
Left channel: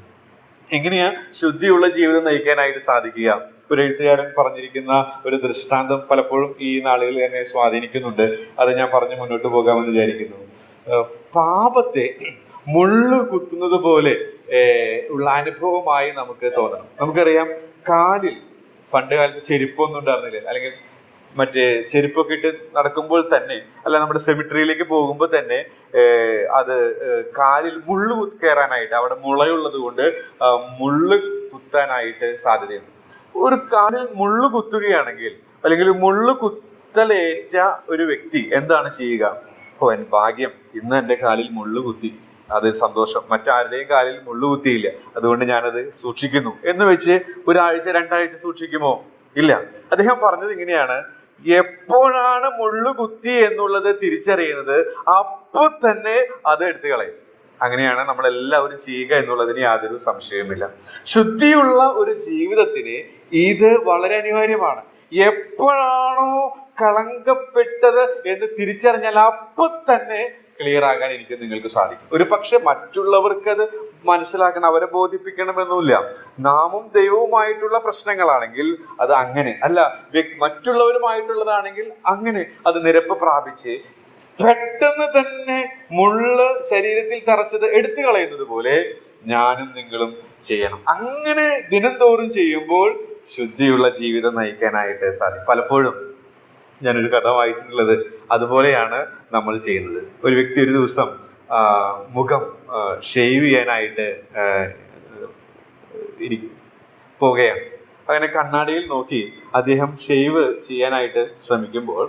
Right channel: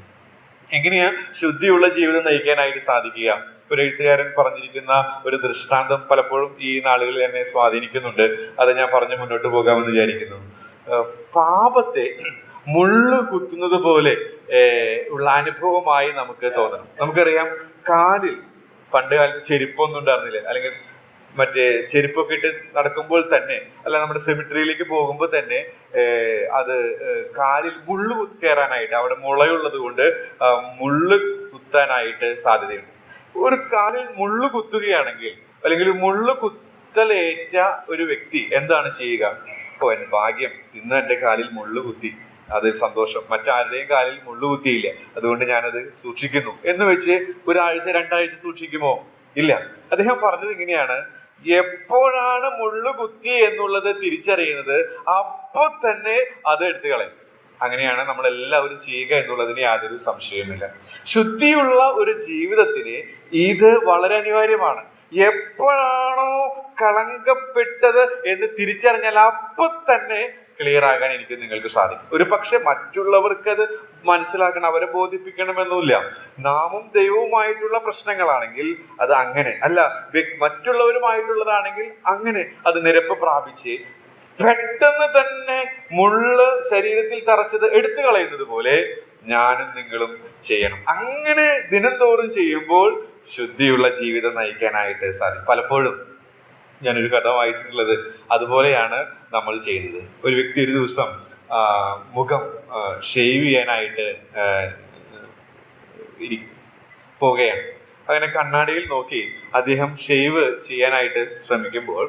എങ്ങനെയാ ശുദ്ധിയുള്ള ജീവിതം നയിക്കാനായിട്ട് സാധിക്കുക? ഒരു എഴുത്തുകാരൻ പറഞ്ഞിരിക്കുന്ന ഒരു ദൃഷ്ടാന്തം പലപ്പോഴും ഈ നാളുകളിൽ എന്നെ സ്വാധീനിക്കുന്നുണ്ട്. അത് ഞാൻ പറഞ്ഞു മുന്നോട്ട് പോകാമെന്ന് വിചാരിക്കുന്നു. പാപത്തെ മുള്ളു കുത്തുന്നത് പോലെ ഉള്ള അനുഭവമായി നമുക്ക് തോന്നണം. നമുക്കറിയാം, കാലിൽ പണ്ട് കാലത്ത് ചെരുപ്പൊന്നും ഉണ്ടായിരുന്നില്ല. അല്ലെങ്കിൽ മറ്റേ ചെരുപ്പൊക്കെ ഇട്ട് നടക്കുമ്പോൾ തന്നെ, അല്ല നമ്മുടെ സെമിട്രിയിലേക്ക് പോകുമ്പോൾ തന്നെ അത് കാലിൽ മുള്ളു കയറാനായിട്ട്, അവിടെ മുളയുള്ളത് കൊണ്ട് മുള്ളു കുത്താനായിട്ട് സാധ്യതയുണ്ട്. ഒരു കാലിൽ മുള്ളു കുത്തുകയാണെങ്കിൽ, അല്ലെങ്കിൽ മുള്ളു കുത്തലേറ്റ ഒരു വ്യക്തി എന്താണ് ചെയ്യുക? എൻ ഭാഗ്യം, ഇന്ന് എന്റെ കാലിൽ മുള്ളു കുത്തി, അത് സന്തോഷം. മറ്റാരുടെയും കാലിൽ മുള്ളു കുത്തിയില്ല, അതുകൊണ്ട് ഞാനത് സൂക്ഷിക്കുന്നു എന്ന് വെച്ച് 1 ആഴ്ച 2 ആഴ്ച സൂക്ഷിക്കുമോ? ഇല്ല. അദ്ദേഹം പറഞ്ഞത് ഇങ്ങനെയാണ്, എപ്പോഴാണ് മുള്ളു കുത്തി എന്നുള്ളത് തിരിച്ചറിയുന്നത് അപ്പൊ തന്നെ അത് എടുത്തു കളയും. അങ്ങനെയാണ് നമ്മൾ എല്ലാവരും ചെയ്യുക എന്നുള്ളതിന് യാതൊരു സംശയവുമില്ല. ശുദ്ധിയുള്ള ഒരു ജീവിതത്തിന് ഇത് വളരെ അനിവാര്യമാണ്. എപ്പോഴാണോ കളങ്കപ്പെട്ടത് എന്ന് തിരിച്ചറിഞ്ഞാൽ അപ്പൊ തന്നെ ക്ലിയർ ആകാൻ നിങ്ങൾക്ക് സാധിക്കും. ഒരു പക്ഷെ മറ്റുള്ളവർക്ക് അത് മനസ്സിലാക്കണം, അവരെ ബോധിപ്പിക്കണമെന്നില്ല. നാമും ദൈവവുമായിട്ടുള്ള പ്രശ്നങ്ങളാണെങ്കിൽ അത് അങ്ങനെ അല്ല, മറ്റുള്ളവരുമായിട്ടുള്ളതാണെങ്കിൽ അങ്ങനെ അത് നിരപ്പ് പ്രാപിച്ച് പെട്ടെന്ന് തന്നെ മുള്ള് ശരീരത്തിൽ തറച്ചത് എടുത്തു കളയുന്നത് പോലെ ഞാനും നിങ്ങളും ചെയ്യണം. അങ്ങനെ ദിനംതോറും ചെയ്യുമ്പോൾ ശുദ്ധിയുള്ള ജീവിതം നയിക്കാനായിട്ട് സാധിക്കും. പലപ്പോഴും ഞാനൊരു കഥ വായിച്ചിട്ടുള്ളത് അതുപോലെയാണ് നമ്മൾ ചെയ്യുന്നത്. ഒരു വ്യക്തി ഒരു ദിവസം മുഖം ഷേവ് ചെയ്യാനായിട്ട് പോവുകയാണ്. അങ്ങനെ കണ്ണാടിയിൽ നോക്കി അദ്ദേഹം ഷേവ് ചെയ്യാനായിട്ട് ശ്രമിക്കുമ്പോൾ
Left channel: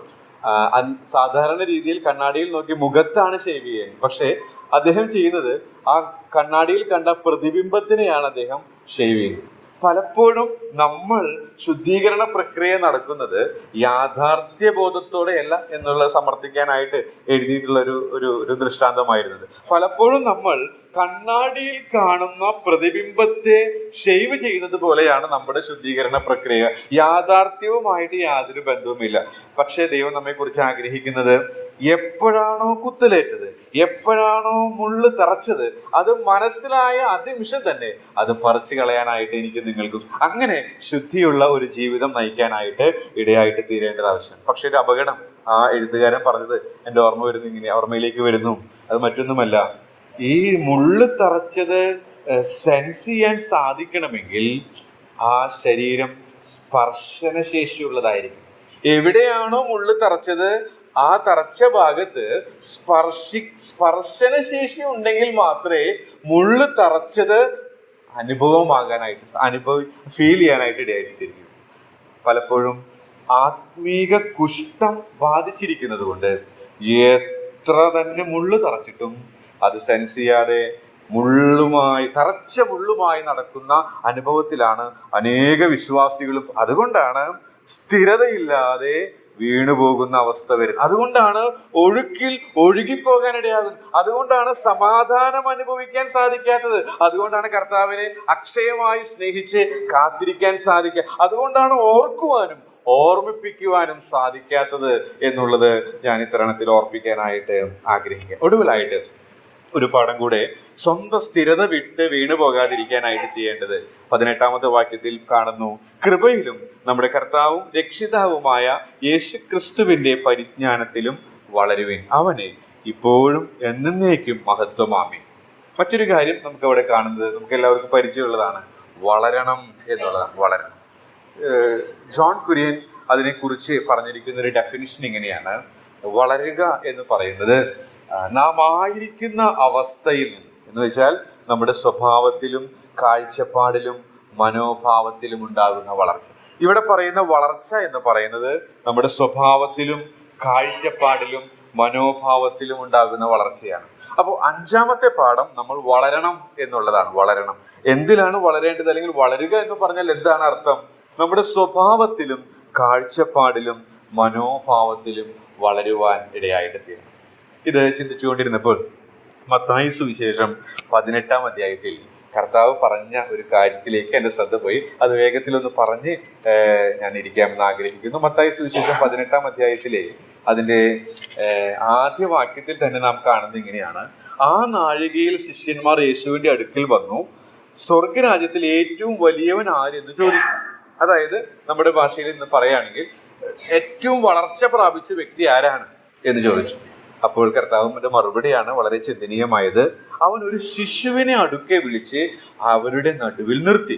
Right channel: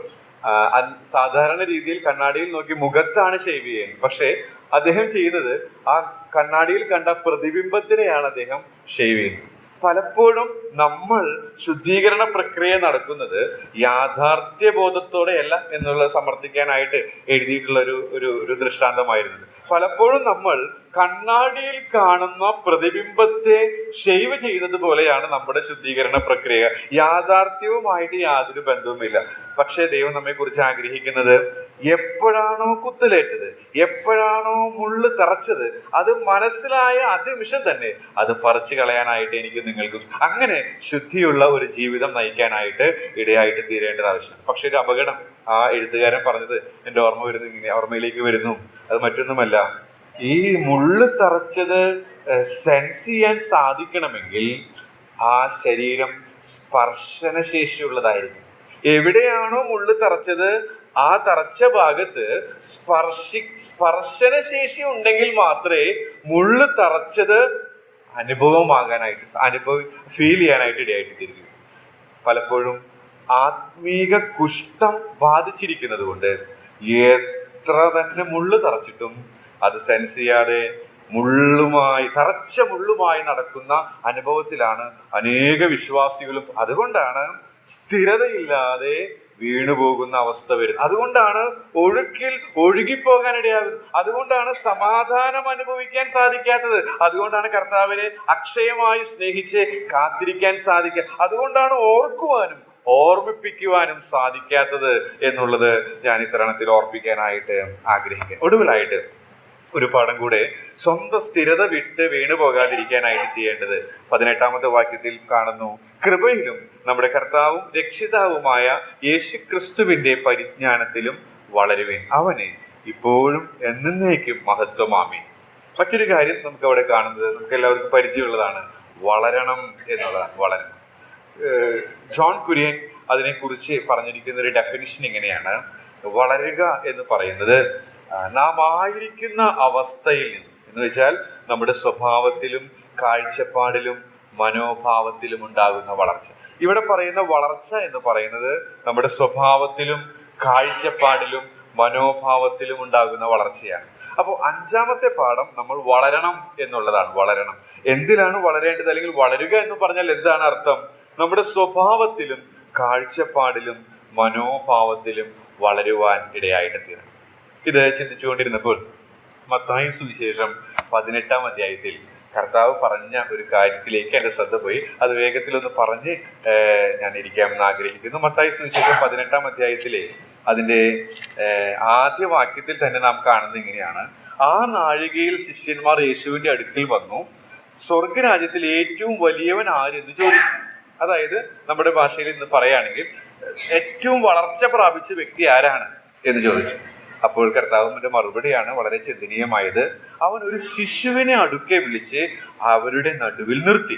സാധാരണ രീതിയിൽ കണ്ണാടിയിൽ നോക്കി മുഖത്താണ് ഷേവ് ചെയ്യുന്നത്. പക്ഷെ അദ്ദേഹം ചെയ്യുന്നത് ആ കണ്ണാടിയിൽ കണ്ട പ്രതിബിംബത്തിനെയാണ് അദ്ദേഹം ഷേവ് ചെയ്യുന്നത്. പലപ്പോഴും നമ്മൾ ശുദ്ധീകരണ പ്രക്രിയ നടക്കുന്നത് യാഥാർത്ഥ്യബോധത്തോടെയല്ല എന്നുള്ളത് സമർത്ഥിക്കാനായിട്ട് എഴുതിയിട്ടുള്ള ഒരു ദൃഷ്ടാന്തമായിരുന്നത്. പലപ്പോഴും നമ്മൾ കണ്ണാടിയിൽ കാണുന്ന പ്രതിബിംബത്തെ ഷേവ് ചെയ്യുന്നത് പോലെയാണ് നമ്മുടെ ശുദ്ധീകരണ പ്രക്രിയ. യാഥാർത്ഥ്യവുമായിട്ട് യാതൊരു ബന്ധവുമില്ല. പക്ഷേ ദൈവം നമ്മെ കുറിച്ച് ആഗ്രഹിക്കുന്നത് എപ്പോഴാണോ കുത്തലേറ്റത്, എപ്പോഴാണോ മുള്ളു തറച്ചത്, അത് മനസ്സിലായ അതിനിമിഷം തന്നെ അത് പറിച്ചു കളയാനായിട്ട് എനിക്ക് നിങ്ങൾക്കും അങ്ങനെ ശുദ്ധിയുള്ള ഒരു ജീവിതം നയിക്കാനായിട്ട് ഇടയായിട്ട് തീരേണ്ടത് ആവശ്യം. പക്ഷെ ഒരു അപകടം ആ എഴുത്തുകാരൻ പറഞ്ഞത് എന്റെ ഓർമ്മയിലേക്ക് വരുന്നു. അത് മറ്റൊന്നുമല്ല, ഈ മുള്ളു തറച്ചത് സെൻസ് ചെയ്യാൻ സാധിക്കണമെങ്കിൽ ആ ശരീരം സ്പർശനശേഷിയുള്ളതായിരിക്കും. എവിടെയാണോ മുള്ളു തറച്ചത് ആ തറച്ച ഭാഗത്ത് സ്പർശനശേഷി ഉണ്ടെങ്കിൽ മാത്രമേ മുള്ളു തറച്ചത് ഫീൽ ചെയ്യാനായിട്ട് ഇടയായിട്ട് തീരുകയുള്ളൂ. പലപ്പോഴും ആത്മീക കുഷ്ഠം ബാധിച്ചിരിക്കുന്നത് കൊണ്ട് എത്ര തന്നെ മുള്ളു തറച്ചിട്ടും അത് സെൻസ് ചെയ്യാതെ തറച്ച മുള്ളുമായി നടക്കുന്ന അനുഭവത്തിലാണ് അനേക വിശ്വാസികളും. അതുകൊണ്ടാണ് സ്ഥിരതയില്ലാതെ വീണുപോകുന്ന അവസ്ഥ വരുന്നത്. അതുകൊണ്ടാണ് ഒഴുക്കിൽ ഒഴുകിപ്പോകാനിടയാകുന്നത്. അതുകൊണ്ടാണ് സമാധാനം അനുഭവിക്കാൻ സാധിക്കാത്തത്. അതുകൊണ്ടാണ് കർത്താവിനെ അക്ഷയമായി സ്നേഹിച്ച് കാത്തിരിക്കാൻ സാധിക്കുക. അതുകൊണ്ടാണ് ഓർമ്മിപ്പിക്കുവാനും സാധിക്കാത്തത് എന്നുള്ളത് ഞാൻ ഇത്തരണത്തിൽ ഓർപ്പിക്കാനായിട്ട് ആഗ്രഹിക്കുക. ഒടുവിലായിട്ട് ഒരു പാഠം കൂടെ, സ്വന്തം സ്ഥിരത വിട്ട് വീണു പോകാതിരിക്കാനായിട്ട് ചെയ്യേണ്ടത് 18ാമത്തെ വാക്യത്തിൽ കാണുന്നു. കൃപയിലും നമ്മുടെ കർത്താവും രക്ഷിതാവുമായ യേശുക്രിസ്തുവിന്റെ പരിജ്ഞാനത്തിലും വളരുവിൻ, അവനെ ഇപ്പോഴും എന്നേക്കും മഹത്വമാമി. മറ്റൊരു കാര്യം നമുക്ക് അവിടെ കാണുന്നത്, നമുക്ക് എല്ലാവർക്കും പരിചയമുള്ളതാണ്, വളരണം എന്നുള്ളതാണ്. വളരണം. ജോൺ കുര്യൻ അതിനെക്കുറിച്ച് പറഞ്ഞിരിക്കുന്ന ഒരു ഡെഫിനിഷൻ ഇങ്ങനെയാണ്: വളരുക എന്ന് പറയുന്നത് നാം ആയിരിക്കുന്ന അവസ്ഥയിൽ നിന്ന്, എന്ന് വെച്ചാൽ നമ്മുടെ സ്വഭാവത്തിലും കാഴ്ചപ്പാടിലും മനോഭാവത്തിലും ഉണ്ടാകുന്ന വളർച്ച. ഇവിടെ പറയുന്ന വളർച്ച എന്ന് പറയുന്നത് നമ്മുടെ സ്വഭാവത്തിലും കാഴ്ചപ്പാടിലും മനോഭാവത്തിലും ഉണ്ടാകുന്ന വളർച്ചയാണ്. അപ്പോൾ 5ാമത്തെ പാഠം നമ്മൾ വളരണം എന്നുള്ളതാണ്. വളരണം. എന്തിനാണ് വളരേണ്ടത്, അല്ലെങ്കിൽ വളരുക എന്ന് പറഞ്ഞാൽ എന്താണ് അർത്ഥം? നമ്മുടെ സ്വഭാവത്തിലും കാഴ്ചപ്പാടിലും മനോഭാവത്തിലും വളരുവാൻ ഇടയായിട്ട് തീരണം. ഇത് ചിന്തിച്ചുകൊണ്ടിരുന്നപ്പോൾ മത്തായി സുവിശേഷം 18ാം അധ്യായത്തിൽ കർത്താവ് പറഞ്ഞ ഒരു കാര്യത്തിലേക്ക് എന്റെ ശ്രദ്ധ പോയി. അത് വേഗത്തിലൊന്ന് പറഞ്ഞ് ഞാൻ ഇരിക്കാമെന്ന് ആഗ്രഹിക്കുന്നു. മത്തായി സുവിശേഷം 18ാം അധ്യായത്തിലെ അതിന്റെ ആദ്യ വാക്യത്തിൽ തന്നെ നാം കാണുന്നത് ഇങ്ങനെയാണ്: ആ നാഴികയിൽ ശിഷ്യന്മാർ യേശുവിന്റെ അടുക്കൽ വന്നു, സ്വർഗരാജ്യത്തിൽ ഏറ്റവും വലിയവൻ ആരെന്ന് ചോദിച്ചു. അതായത് നമ്മുടെ ഭാഷയിൽ ഇന്ന് പറയുകയാണെങ്കിൽ ഏറ്റവും വളർച്ച പ്രാപിച്ച വ്യക്തി ആരാണ് എന്ന് ചോദിച്ചു. അപ്പോൾ കർത്താവിന്റെ മറുപടിയാണ് വളരെ ചിന്തനീയമായത്. അവൻ ഒരു ശിശുവിനെ അടുക്കെ വിളിച്ച് അവരുടെ നടുവിൽ നിർത്തി,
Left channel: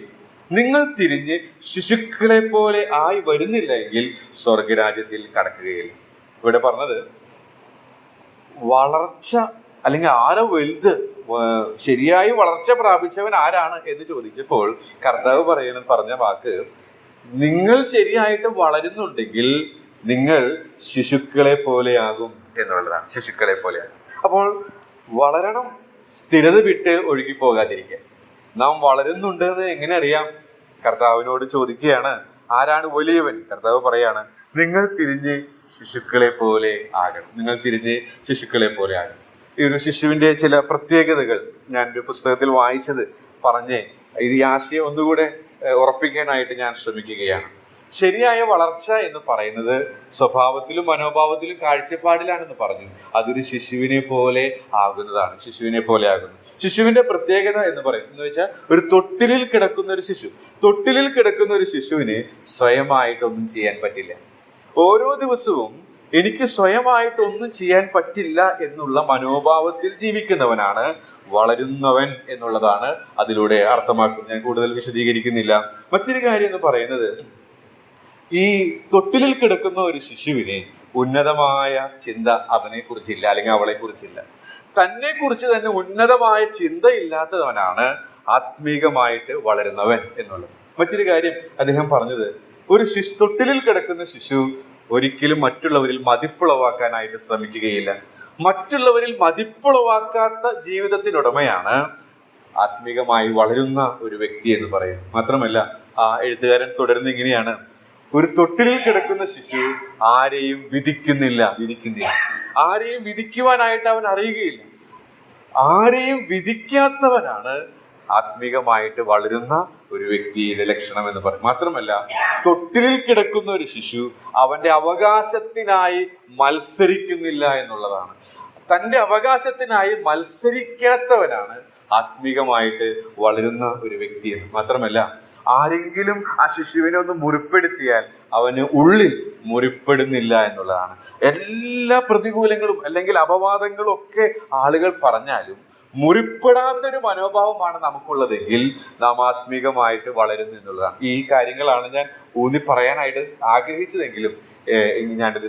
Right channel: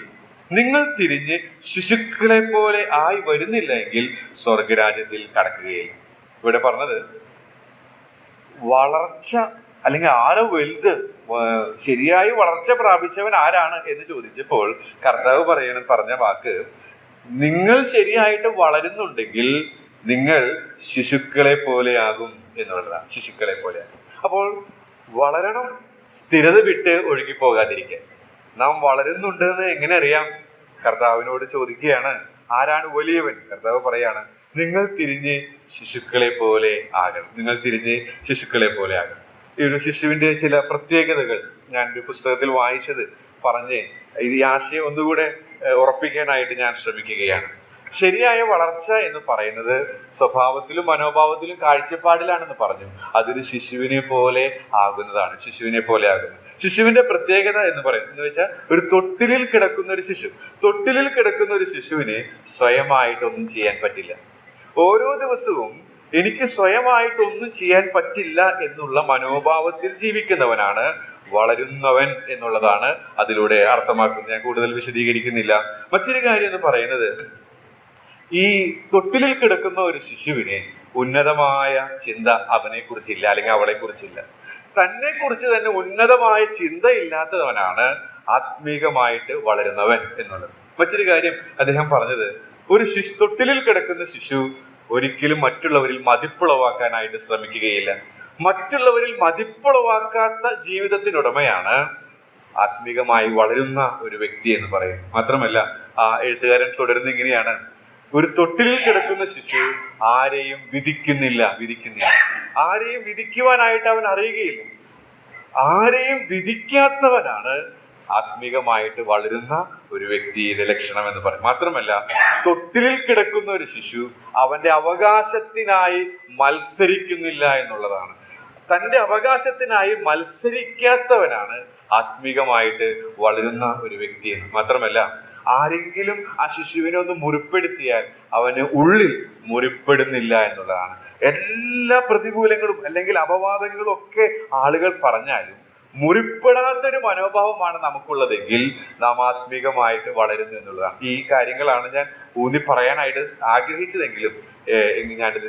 നിങ്ങൾ തിരിഞ്ഞ് ശിശുക്കളെ പോലെ ആയി വരുന്നില്ല എങ്കിൽ സ്വർഗരാജ്യത്തിൽ കടക്കുകയില്ല. ഇവിടെ പറഞ്ഞത് വളർച്ച, അല്ലെങ്കിൽ ആരോ വലുത്, ശരിയായി വളർച്ച പ്രാപിച്ചവൻ ആരാണ് എന്ന് ചോദിച്ചപ്പോൾ കർത്താവ് പറഞ്ഞ വാക്ക്, നിങ്ങൾ ശരിയായിട്ട് വളരുന്നുണ്ടെങ്കിൽ നിങ്ങൾ ശിശുക്കളെ പോലെയാകും എന്നുള്ളതാണ്. ശിശുക്കളെ പോലെയാകും. അപ്പോൾ വളരണം, സ്ഥിരത വിട്ട് ഒഴുകി പോകാതിരിക്കാൻ. നാം വളരുന്നുണ്ട് എന്ന് എങ്ങനെ അറിയാം? കർത്താവിനോട് ചോദിക്കുകയാണ്, ആരാണ് വലിയവൻ? കർത്താവ് പറയാണ്, നിങ്ങൾ തിരിഞ്ഞ് ശിശുക്കളെ പോലെ ആകണം. നിങ്ങൾ തിരിഞ്ഞ് ശിശുക്കളെ പോലെ ആകണം. ഈ ഒരു ശിശുവിന്റെ ചില പ്രത്യേകതകൾ ഞാൻ ഒരു പുസ്തകത്തിൽ വായിച്ചത് പറഞ്ഞ് ഈ ആശയം ഒന്നുകൂടെ ഉറപ്പിക്കാനായിട്ട് ഞാൻ ശ്രമിക്കുകയാണ്. ശരിയായ വളർച്ച എന്ന് പറയുന്നത് സ്വഭാവത്തിലും മനോഭാവത്തിലും കാഴ്ചപ്പാടിലാണെന്ന് പറഞ്ഞു. അതൊരു ശിശുവിനെ പോലെ ആകുന്നതാണ്. ശിശുവിനെ പോലെ ആകുന്നു. ശിശുവിന്റെ പ്രത്യേകത എന്ന് പറയുന്നത് എന്ന് വെച്ചാൽ, ഒരു തൊട്ടിലിൽ കിടക്കുന്ന ഒരു ശിശുവിന് സ്വയമായിട്ടൊന്നും ചെയ്യാൻ പറ്റില്ല. ഓരോ ദിവസവും എനിക്ക് സ്വയമായിട്ടൊന്നും ചെയ്യാൻ പറ്റില്ല എന്നുള്ള മനോഭാവത്തിൽ ജീവിക്കുന്നവനാണ് വളരുന്നവൻ എന്നുള്ളതാണ് അതിലൂടെ അർത്ഥമാക്കുന്നത്. ഞാൻ കൂടുതൽ വിശദീകരിക്കുന്നില്ല. മറ്റൊരു കാര്യം എന്ന് പറയുന്നത്, ഈ തൊട്ടിലിൽ കിടക്കുന്ന ഒരു ശിശുവിന് ഉന്നതമായ ചിന്ത അവനെ കുറിച്ചില്ല, അല്ലെങ്കിൽ അവളെ കുറിച്ചില്ല. തന്നെ കുറിച്ച് തന്നെ ഉന്നതമായ ചിന്ത ഇല്ലാത്തവനാണ് ആത്മീകമായിട്ട് വളരുന്നവൻ എന്നുള്ളത്. മറ്റൊരു കാര്യം അദ്ദേഹം പറഞ്ഞത്, ഒരു തൊട്ടിലിൽ കിടക്കുന്ന ശിശു ഒരിക്കലും മറ്റുള്ളവരിൽ മതിപ്പുളവാക്കാനായിട്ട് ശ്രമിക്കുകയില്ല. മറ്റുള്ളവരിൽ മതിപ്പുളവാക്കാത്ത ജീവിതത്തിനുടമയാണ് ആത്മീകമായി വളരുന്ന ഒരു വ്യക്തി എന്ന് പറയും. മാത്രമല്ല ആ എഴുത്തുകാരൻ തുടർന്ന് ഇങ്ങനെയാണ്: ഒരു തൊട്ടിലിൽ കിടക്കുന്ന ശിശു ആരെയും വിധിക്കുന്നില്ല. ആരെയും വിധിക്കുവാനായിട്ട് അവൻ അറിയുകയില്ല. ആരെയും വിധിക്കാത്തവനാണ് ആത്മീകമായിട്ട് വളരുന്ന ഒരു വ്യക്തിയുടെ ലക്ഷണം എന്ന് പറയും. മാത്രമല്ല, തൊട്ടിലിൽ കിടക്കുന്ന ഒരു ശിശു അവന്റെ അവകാശത്തിനായി മത്സരിക്കുന്നില്ല എന്നുള്ളതാണ്. തന്റെ അവകാശത്തിനായി മത്സരിക്കാത്തവനാണ് ആത്മീകമായിട്ട് വളരുന്ന ഒരു വ്യക്തി എന്ന്. മാത്രമല്ല, ആരെങ്കിലും ആ ശിശുവിനെ ഒന്ന് മുറിപ്പെടുത്തിയാൽ അവന് ഉള്ളിൽ മുറിപ്പെടുന്നില്ല എന്നുള്ളതാണ്. എല്ലാ പ്രതികൂലങ്ങളും അല്ലെങ്കിൽ അപവാദങ്ങളും ഒക്കെ ആളുകൾ പറഞ്ഞാലും മുറിപ്പെടാത്തൊരു മനോഭാവമാണ് നമുക്കുള്ളതെങ്കിൽ നാം ആത്മീകമായിട്ട് വളരുന്നു എന്നുള്ളതാണ്. ഈ കാര്യങ്ങളാണ് ഞാൻ ഊന്നി പറയാനായിട്ട് ആഗ്രഹിച്ചതെങ്കിലും ഞാനിത്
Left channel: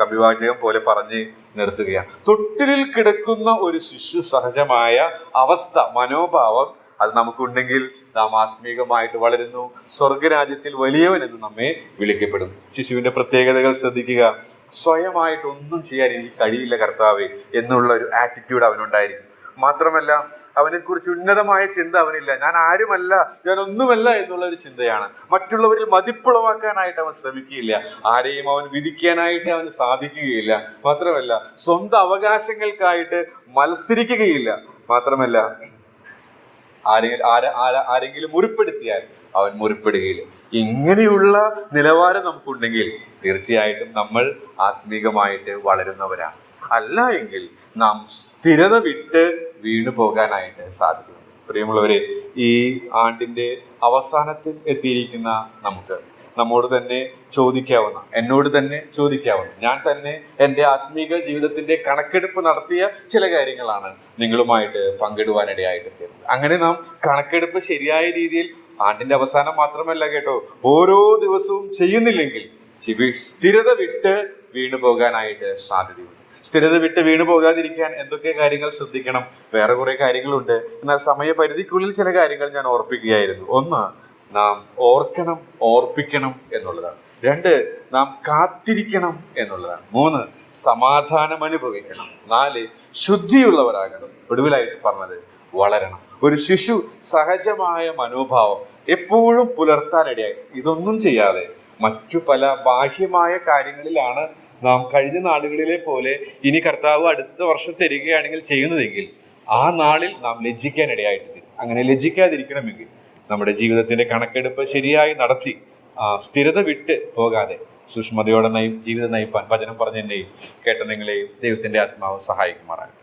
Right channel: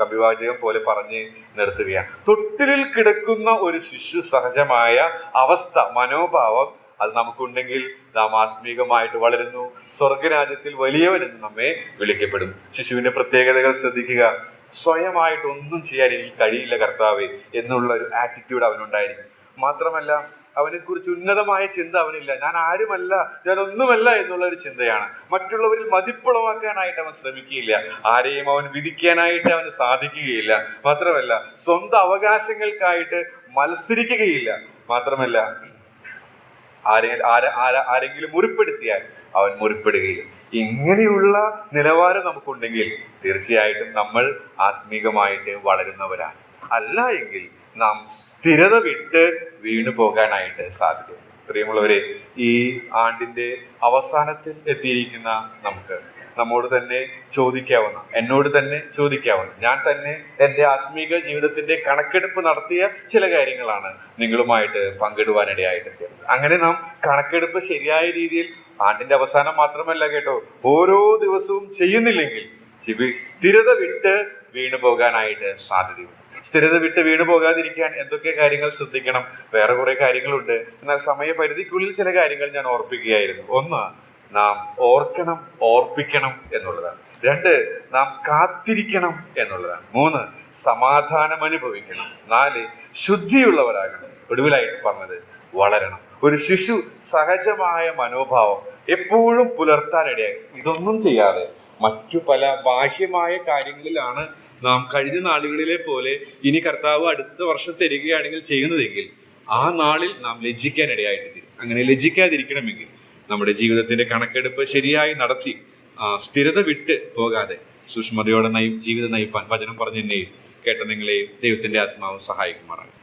കവിവാചകം പോലെ പറഞ്ഞ് നിർത്തുകയാണ്. തൊട്ടിലിൽ കിടക്കുന്ന ഒരു ശിശു സഹജമായ അവസ്ഥ, മനോഭാവം അത് നമുക്കുണ്ടെങ്കിൽ നാം ആത്മീകമായിട്ട് വളരുന്നു. സ്വർഗരാജ്യത്തിൽ വലിയവൻ എന്ന് നമ്മെ വിളിക്കപ്പെടും. ശിശുവിന്റെ പ്രത്യേകതകൾ ശ്രദ്ധിക്കുക. സ്വയമായിട്ട് ഒന്നും ചെയ്യാൻ എനിക്ക് കഴിയില്ല കർത്താവേ എന്നുള്ള ഒരു ആറ്റിറ്റ്യൂഡ് അവനുണ്ടായിരിക്കും. മാത്രമല്ല, അവനെ കുറിച്ച് ഉന്നതമായ ചിന്ത അവനില്ല. ഞാൻ ആരുമല്ല, ഞാൻ ഒന്നുമല്ല എന്നുള്ള ഒരു ചിന്തയാണ്. മറ്റുള്ളവരിൽ മതിപ്പുളവാക്കാനായിട്ട് അവൻ ശ്രമിക്കുകയില്ല. ആരെയും അവൻ വിധിക്കാനായിട്ട് അവന് സാധിക്കുകയില്ല. മാത്രമല്ല, സ്വന്തം അവകാശങ്ങൾക്കായിട്ട് മത്സരിക്കുകയില്ല. മാത്രമല്ല, ആരെങ്കിലും മുറിപ്പെടുത്തിയാൽ അവൻ മുറിപ്പെടുകയില്ല. ഇങ്ങനെയുള്ള നിലവാരം നമുക്കുണ്ടെങ്കിൽ തീർച്ചയായിട്ടും നമ്മൾ ആത്മീകമായിട്ട് വളരുന്നവരാണ്. അല്ല എങ്കിൽ നാം സ്ഥിരത വിട്ട് വീണു പോകാനായിട്ട് സാധിക്കും. പ്രിയമുള്ളവരെ, ഈ ആണ്ടിന്റെ അവസാനത്തിൽ എത്തിയിരിക്കുന്ന നമുക്ക് നമ്മോട് തന്നെ ചോദിക്കാവുന്ന, എന്നോട് തന്നെ ചോദിക്കാവുന്ന, ഞാൻ തന്നെ എൻ്റെ ആത്മീക ജീവിതത്തിന്റെ കണക്കെടുപ്പ് നടത്തിയ ചില കാര്യങ്ങളാണ് നിങ്ങളുമായിട്ട് പങ്കിടുവാനിടയായിട്ട് തീർന്നത്. അങ്ങനെ നാം കണക്കെടുപ്പ് ശരിയായ രീതിയിൽ ആണ്ടിന്റെ അവസാനം മാത്രമല്ല കേട്ടോ, ഓരോ ദിവസവും ചെയ്യുന്നില്ലെങ്കിൽ സ്ഥിരത വിട്ട് വീണു പോകാനായിട്ട് സാധ്യതയുണ്ട്. സ്ഥിരത വിട്ട് വീണു പോകാതിരിക്കാൻ എന്തൊക്കെ കാര്യങ്ങൾ ശ്രദ്ധിക്കണം? വേറെ കുറെ കാര്യങ്ങളുണ്ട്. എന്നാൽ സമയപരിധിക്കുള്ളിൽ ചില കാര്യങ്ങൾ ഞാൻ ഓർപ്പിക്കുകയായിരുന്നു. ഒന്ന്, നാം ഓർക്കണം, ഓർപ്പിക്കണം എന്നുള്ളതാണ്. രണ്ട്, നാം കാത്തിരിക്കണം എന്നുള്ളതാണ്. മൂന്ന്, സമാധാനം അനുഭവിക്കണം. നാല്, ശുദ്ധിയുള്ളവരാകണം. ഒടുവിലായിട്ട് പറഞ്ഞത്, വളരണം. ഒരു ശിശു സഹജമായ മനോഭാവം എപ്പോഴും പുലർത്താനിടയായി. ഇതൊന്നും ചെയ്യാതെ മറ്റു പല ബാഹ്യമായ കാര്യങ്ങളിലാണ് നാം കഴിഞ്ഞ നാളുകളിലെ പോലെ ഇനി കർത്താവ് അടുത്ത വർഷം തരികയാണെങ്കിൽ ചെയ്യുന്നതെങ്കിൽ ആ നാളിൽ നാം ലജ്ജിക്കാനിടയായിട്ട് തീരും. അങ്ങനെ ലജ്ജിക്കാതിരിക്കണമെങ്കിൽ നമ്മുടെ ജീവിതത്തിന്റെ കണക്കെടുപ്പ് ശരിയായി നടത്തി സ്ഥിരത വിട്ട് പോകാതെ സൂക്ഷ്മതയോടെ ജീവിതം നയിപ്പാൻ വചനം പറഞ്ഞ എന്നെയും കേട്ട നിങ്ങളെയും ദൈവത്തിന്റെ ആത്മാവ് സഹായിക്കുമാറാണ്.